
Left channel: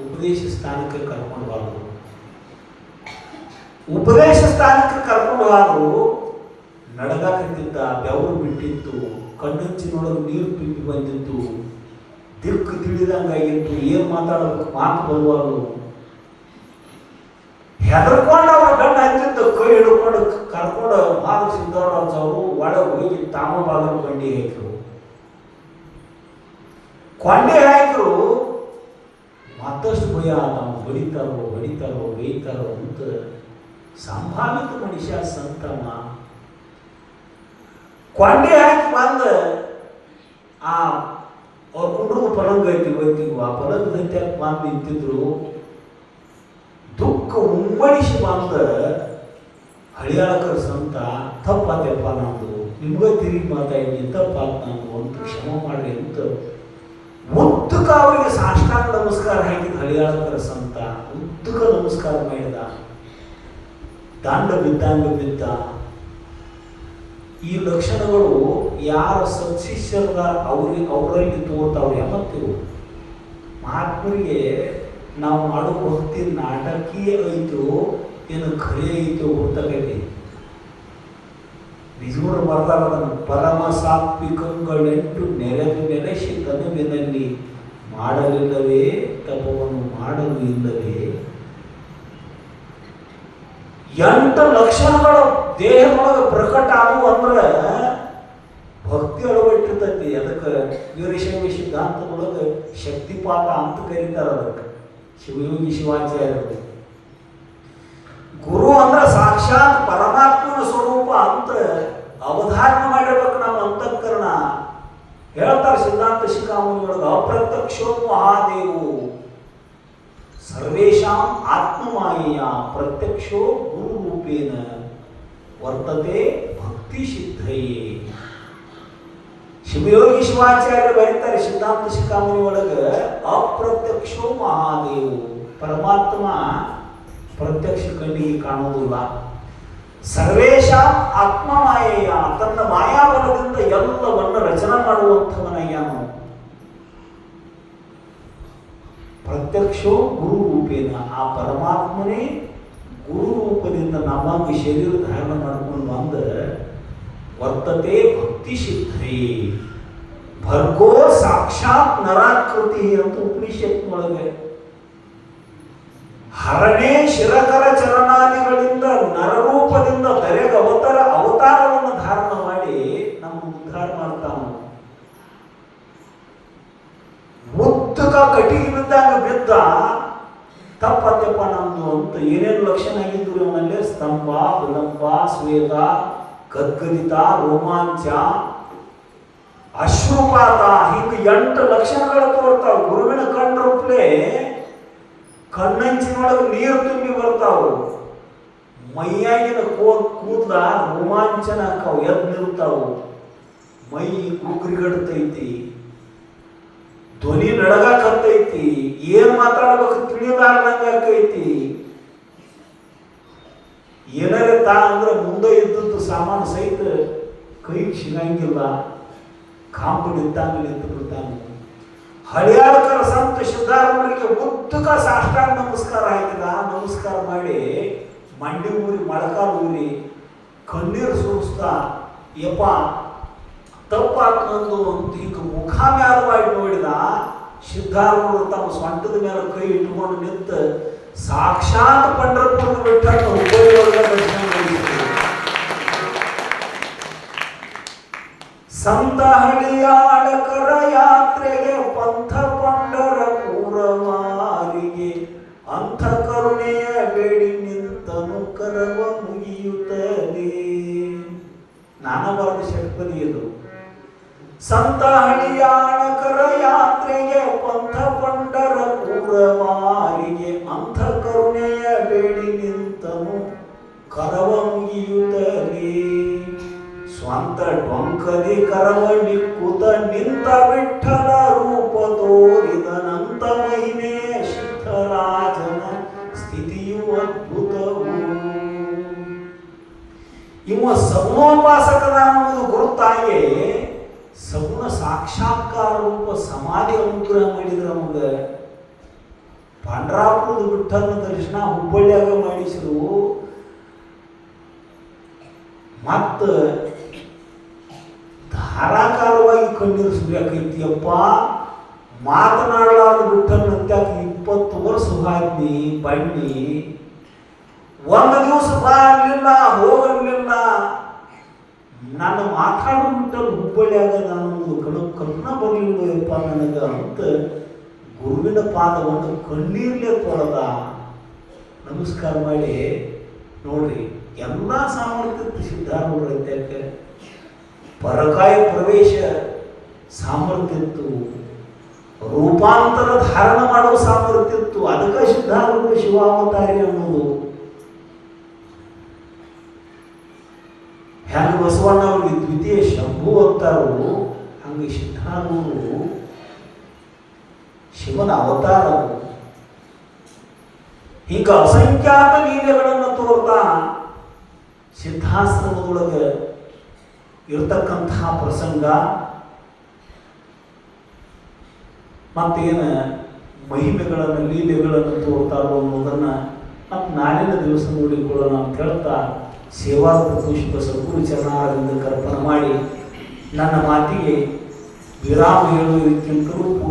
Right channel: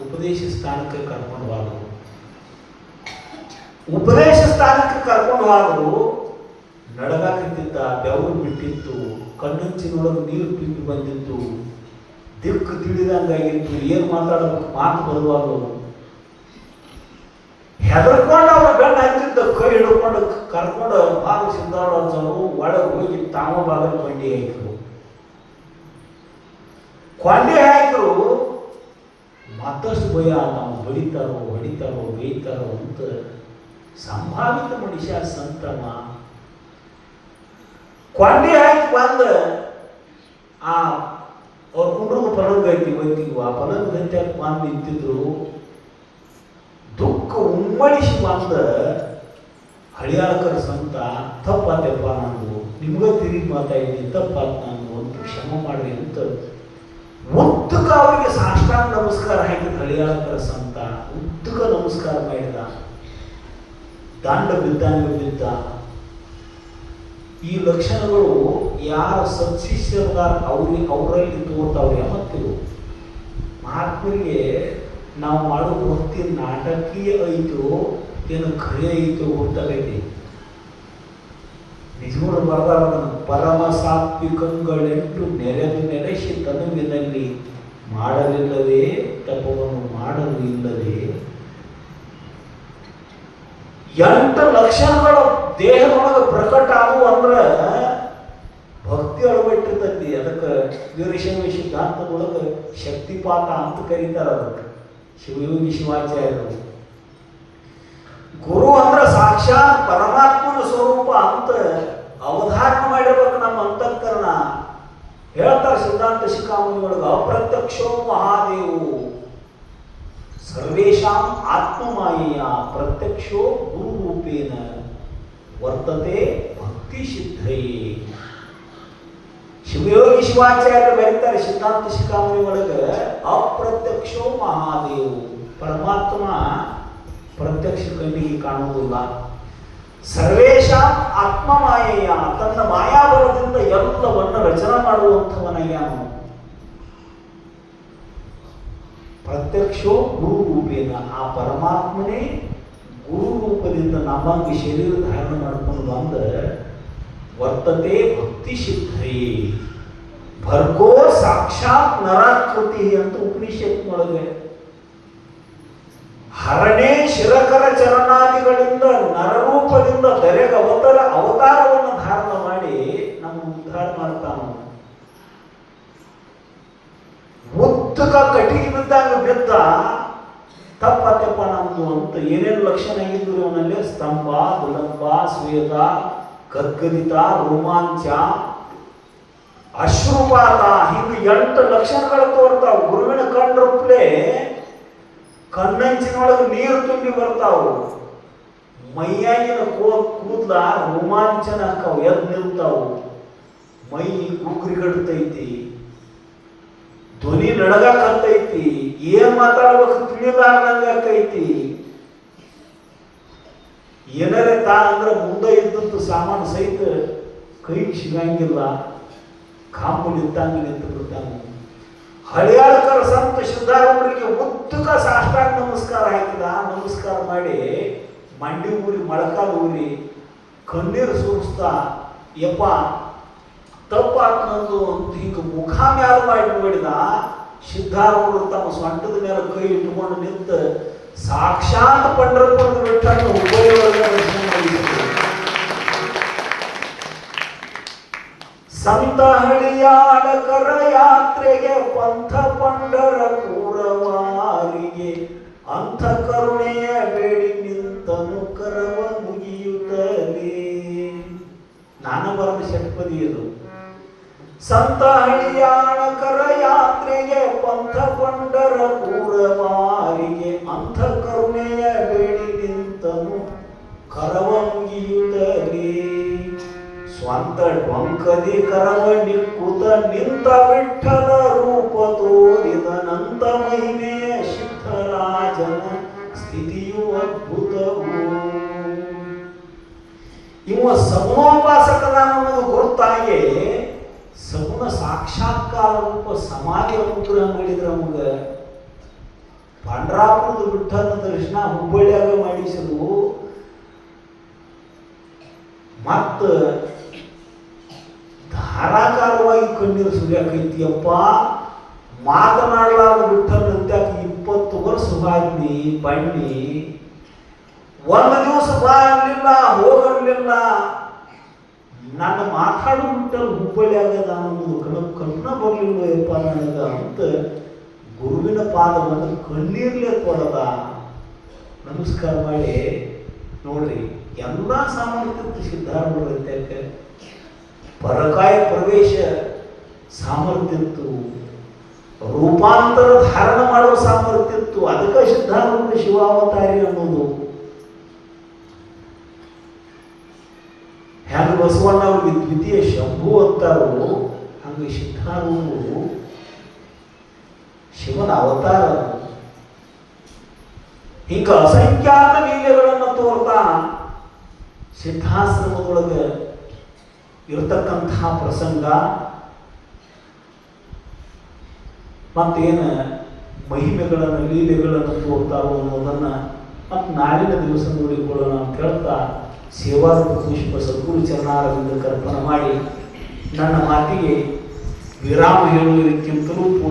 ಉಪದೇಶ ಸ್ಥಾನಕ್ಕೆ ಕರ್ಕೊಂಡು ಹೋದ್ರು. ಉಪದೇಶ ಸ್ಥಾನಕ್ಕೆ ಕರ್ಕೊಂಡು ಹೋದ್ರು. ನಡೆದಾಕತ್ತಿದ್ದ, ಬೆವರು ಬಿಟ್ಟಿತ್ತು, ಕಣ್ಣಂಚಿನೊಳಗೆ ನೀರು ತುಂಬಿ ಬಂದಿತ್ತು, ದಿಕ್ಕು ತಿಳಿದಂಗಾಗಿತ್ತು, ಏನು ಮಾತಾಡೋದಕ್ಕೆ ಮಾತು ಬರುವಾಗ ಹೆದರ್ಕೊಂಡು ಅವ್ರ ಗಂಡ ಹತ್ತಿದ್ದ ಕೈ ಹಿಡ್ಕೊಂಡು ಕರ್ಕೊಂಡು ಹಾಲು ಸಿದ್ದವರು ಒಳಗೆ ಹೋಗಿ ತಾವು ಬಾಗಿಲು ಕೊಂಡಿ ಹಾಕಿರು. ಕೊಂಡೆ ಹಾಕಿರು. ಮತ್ತಷ್ಟು ಭಯ, ನಾವು ಹೊಡಿತಾರೋ ಬೇಯ್ತಾರೋ ಅಂತ ಸಂಭಾವಿತ ಮನುಷ್ಯ ಸಂತಮ್ಮ ಕೊಂಡೆ ಹಾಕಿ ಬಂದ ಅವ್ರ ಕುಟುಂಬ ಪಲಂಗ ಐತಿ ಗೊತ್ತಿಲ್ವ, ಆ ಪಲಂಗದಂತೆ ಬಂದು ನಿಂತಿದ್ರು. ದುಃಖ ಉಮ್ಮಳಿಸಿ ಬಂದ ಹಳಿಯಾಳಕರ ಸಂತ, ತಪ್ಪಾತಪ್ಪ ನಂದು, ನಿಮ್ಗೆ ತಿರುಗಿ ಮಾತಾಡಿದ್ದೀನಿ, ತಪ್ಪಾತ ನಂದು ಅಂತ ಕ್ಷಮ ಮಾಡ್ರಿ ಅಂತ ಉದ್ದಕ ಅವರಿಗೆ ಸಾಷ್ಟಾಂಗ ನಮಸ್ಕಾರ ಹಾಕಿದ ಹಳಿಯಾಳಕರ ಸಂತ. ಉದ್ದಕ ನಮಸ್ಕಾರ ಮಾಡಿದ, ದಂಡ ಬಿದ್ದ. ಈ ಲಕ್ಷಣಗಳು ಯಾರು ಸತ್ಶಿಷ್ಯರ ಅವರಲ್ಲಿ ತೋರ್ತಾವ್ರಿ. ಯಾವತ್ತಿರು ಮಹಾತ್ಮರಿಗೆ ನಾವು ಮಾಡೋ ಭಕ್ತಿ ನಾಟಕೀಯ ಐತೋ ಏನು ಖರೆ ಐತೋ ಗೊತ್ತಾಗೈತಿ. ನಿಜವರು ಬರ್ದಾಗ ಪರಮ ಸಾತ್ವಿಕಗಳೆಂಟು ನೆಲೆಸಿ ತನುವಿನಲ್ಲಿ ಮಾಡಲಿಲ್ಲವೇ ತಪವನ್ನು ಮಾಡಲು ಇಲ್ಲವೇ. 8 ಲಕ್ಷಣಗಳು ದೇಹದೊಳಗೆ ಪ್ರಕಟ ಆಗುವ ಅಂದ್ರೆ ಭಕ್ತಿ ಅಳವಟ್ಟಿರ್ತೈತಿ. ಅದಕ್ಕೆ ವೀರಶೈವ ಸಿದ್ಧಾಂತದೊಳಗೆ ಶಕ್ತಿಪಾತ ಅಂತ ಕರೀತಾರ. ಅದಕ್ಕೆ ಶಿವಯೋಗಿ ಶಿವಾಚಾರ್ಯರು ಗುರು ಅಂದ್ರೆ ಸಾಕ್ಷಾತ್ ಪರಮಾತ್ಮನ ಸ್ವರೂಪ ಅಂತ ಅವಧಾರಣ ಮಾಡಿರ್ಬೇಕು ನಮ್ಮ ಅಂತಃಕರಣ. ಹೇಳ್ತಾರೆ ಸಿದ್ಧಾಂತ ಶಿಖಾಮಣಿ ಒಳಗೆ, ಅಪ್ರತ್ಯಕ್ಷೋ ಮಹಾದೇವು ಸರ್ವೇಷಾಂ ಆತ್ಮಮಾಯೆಯ ಪ್ರತ್ಯಕ್ಷೋ ಗುರು ರೂಪೇಣ ವರ್ತತೆ ಭಕ್ತಿ ಸಿದ್ಧಯೇ. ಶಿವಯೋಗಿ ಶಿವಾಚಾರ್ಯರು ಬರೀತಾರೆ ಸಿದ್ಧಾಂತ ಶಿಖಾಮಣಿ ಒಳಗೆ, ಅಪ್ರತ್ಯಕ್ಷೋ ಮಹಾದೇವು, ಪರಮಾತ್ಮ ಪ್ರತ್ಯಕ್ಷ ಕಣ್ಣಿಗೆ ಕಾಣುವುದಿಲ್ಲ. ಸರ್ವೇಶ ಆತ್ಮಮಾಯೆಯ, ತನ್ನ ಮಾಯಾಬಲದಿಂದ ಎಲ್ಲವನ್ನು ರಚನೆ ಮಾಡುವಂಥವನಾಗ್ಯಾನು. ಪ್ರತ್ಯಕ್ಷೋ ಗುರು ರೂಪೇನ, ಆ ಪರಮಾತ್ಮನೇ ಗುರು ರೂಪದಿಂದ ನಮ್ಮಂಗೆ ಶರೀರ ಧಾರಣ ಮಾಡ್ಕೊಂಡು ಬಂದ ವರ್ತತೆ ಭಕ್ತಿ ಸಿದ್ಧಯೇ. ಭರ್ಗೋ ಸಾಕ್ಷಾತ್ ನರಾಕೃತಿ ಅಂತ ಉಪನಿಷತ್ನೊಳಗೆ, ಹರಣೆ ಶಿರಕರ ಚರಣಾದಿಗಳಿಂದ ನರರೂಪದಿಂದ ದರೆಗ ಅವತಾರವನ್ನು ಧಾರಣ ಮಾಡಿ ನಮ್ಮ ಉದ್ಧಾರ ಮಾಡ್ತಾನ. ಉದ್ದಕ ಕಟಿಗೆ ಬಿದ್ದಾಗ ಬಿದ್ದ, ತಪ್ಪತ್ತಪ್ಪ ನಮ್ದು ಅಂತ ಏನೇನು ಲಕ್ಷಣ ಆಗಿದ್ರು ಅವನಲ್ಲಿ, ಸ್ತಂಭ, ವಿಳಂಬ, ಸ್ವೇದ, ಗದ್ಗದಿತ, ರೋಮಾಂಚ, ಅಶ್ರುಪಾತ, ಹಿಂಗೆ 8 ಲಕ್ಷಣಗಳು ತೋರ್ತಾವ. ಗುರುವಿನ ಕಣ್ಣುರುಪ್ಲೆ ಕಣ್ಣಂಚಿನೊಳಗೆ ನೀರು ತುಂಬಿ ಬರ್ತಾವು. ಮೈಯಾಗಿನ ಕೂದ್ಲ ರೋಮಾಂಚನ ಹಾಕಾವು, ಎದ್ದು ನಿಲ್ತಾವು. ಮೈ ಗುಗ್ರಿಗಡ್ತೈತಿ, ಧ್ವನಿ ನಡಗಾಕತ್ತೈತಿ, ಏನ್ ಮಾತಾಡ್ಬೇಕು ತಿಳಿಲಾರ್ದಂಗಾಕೈತಿ. ಏನಾರ ಅಂದ್ರೆ ಮುಂದೆ ಇದ್ದದ್ದು ಸಾಮಾನು ಸಹಿತ ಕೈಗೆ ಸಿಗಂಗಿಲ್ಲ, ಕಾಂಪು ನಿಂತಂಗೆ ನಿಂತು ಬಿಡ್ತಾನೆ. ಹಳಿಯಾಳಕರ ಸಂತ ಸಿದ್ಧಾರೂಢರಿಗೆ ಉದ್ದಕ ಸಾಷ್ಟಾಂಗ ನಮಸ್ಕಾರ ಹಾಕಿದ. ನಮಸ್ಕಾರ ಮಾಡಿ ಮಂಡಿ ಊರಿ ಮೊಳಕಾಲು ಊರಿ ಕಣ್ಣೀರು ಸುರಿಸ್ತಾ, ಯಪ್ಪ ತಪ್ಪಾತ್ ನಂದು ಅಂತ ಹಿಂಗೆ ಮುಖ ಮ್ಯಾಲ ಮಾಡಿ ನೋಡಿದ. ಸಿದ್ಧಾರೂಢರು ತಮ್ಮ ಸೊಂಟದ ಮೇಲೆ ಕೈ ಇಟ್ಕೊಂಡು ನಿಂತ ಸಾಕ್ಷಾತ್ ಪಂಢರಪುರದ ಬಿಟ್ಟರೆ ಸಂತ ಹಳಿಯಾಳಕರ ಯಾತ್ರೆಗೆ ಪಂಥ ಪಂಢರಪುರವಾರಿಗೆ ಅಂಥ ಕರುಣೆಯ ಬೇಡಿ ನಿಂತನು ಕರವ ಮುಗಿಯುತ್ತಲೇ. ನಾನಬಾರದು ಷಟ್ಪದಿ ಇದು. ಸಂತ ಹಳಿಯಾಳಕರ ಯಾತ್ರೆಗೆ ಪಂಥ ಪಂಢರಪುರವಾರಿಗೆ ಅಂಥ ಕರುಣೆಯ ಬೇಡಿ ನಿಂತನು ಕರವ ಮುಗಿಯುತ್ತಲೇ. ಸ್ವಂತ ಡೊಂಕದಿ ಕರವ ನಿಕ್ಕುತ ನಿಂತ ವಿಠಲ ರೂಪ ತೋರಿದನಂತ ಮಹಿಮೆಯ ಸಿದ್ಧರಾಜನ ಸ್ಥಿತಿಯು ಅದ್ಭುತವು. ಇವ ಸಮೋಪಾಸಕದ ಅನ್ನೋದು ಹುಬ್ಬಳ್ಳಿಯಾಗ ಮಾಡಿಸಿರು. ಮತ್ತ ಧಾರಾಕಾರವಾಗಿ ಕಣ್ಣೀರು ಸುರಿಯಾಕೈತಿಯಪ್ಪ. ಮಾತನಾಡಲಾರ ಬಿಟ್ಟಂತ್ಯಾಕ 20 ವರ್ಷ ಬಾದ್ನಿ ಬಣ್ಣಿ ಒಂದು ದಿವಸ ಬಾ ಅನ್ಲಿಲ್ಲ, ಹೋಗಲಿಲ್ಲ. ನಾನು ಮಾತಾಡ್ಬಿಟ್ಟಲ್ಲಿ ಹುಬ್ಬಳ್ಳಿಯಾಗ ನಾನು ಕಣ್ಣ ಬರಲಿಲ್ಲಪ್ಪ ನನಗೆ ಅಂತ ಗುರುವಿನ ಪಾದವನ್ನು ಕಣ್ಣೀರ್ಲೆ ತೊಳೆದ ನಮಸ್ಕಾರ ಮಾಡಿ. ನೋಡ್ರಿ, ಎಲ್ಲ ಸಾಮರ್ಥ್ಯ ಸಿದ್ಧಾರೂಢ ಪರಕಾಯ ಪ್ರವೇಶ ಸಾಮರ್ಥ್ಯ ಇತ್ತು, ರೂಪಾಂತರ ಧಾರಣ ಮಾಡುವ ಸಾಮರ್ಥ್ಯ ಇತ್ತು. ಅದಕ್ಕೆ ಸಿದ್ಧಾರೂಢ ಶಿವಾವತಾರಿ ಅನ್ನೋದು. ಹೆಂಗ ಬಸವಣ್ಣವ್ರಿಗೆ ದ್ವಿತೀಯ ಶಂಭು ಅಂತಾರು, ಹಂಗೆ ಸಿದ್ಧಾರೂಢರು ಶಿವನ ಅವತಾರ. ಈಗ ಅಸಂಖ್ಯಾತ ಲೀಲೆಗಳನ್ನು ತೋರ್ತಾ ಸಿದ್ಧಾಶ್ರಮದೊಳಗೆ ಇರತಕ್ಕಂಥ ಪ್ರಸಂಗ ಮತ್ತೇನ ಮಹಿಮೆಗಳನ್ನು ಲೀಲೆಗಳನ್ನು ತೋರ್ತಾರೋ ಅನ್ನೋದನ್ನ ಮತ್ತು ನಾಳಿನ ದಿವಸದಲ್ಲಿ ಕೂಡ ನಾನು ಕೇಳ್ತಾ ಸೇವಾ ಪುಷ್ಪ ಸದ್ಗುರು ಚರಣಾರವಿಂದ ಅರ್ಪಣೆ ಮಾಡಿ ನನ್ನ ಮಾತಿಗೆ ವಿರಾಮ ಹೇಳುವುದಕ್ಕಿಂತಲೂ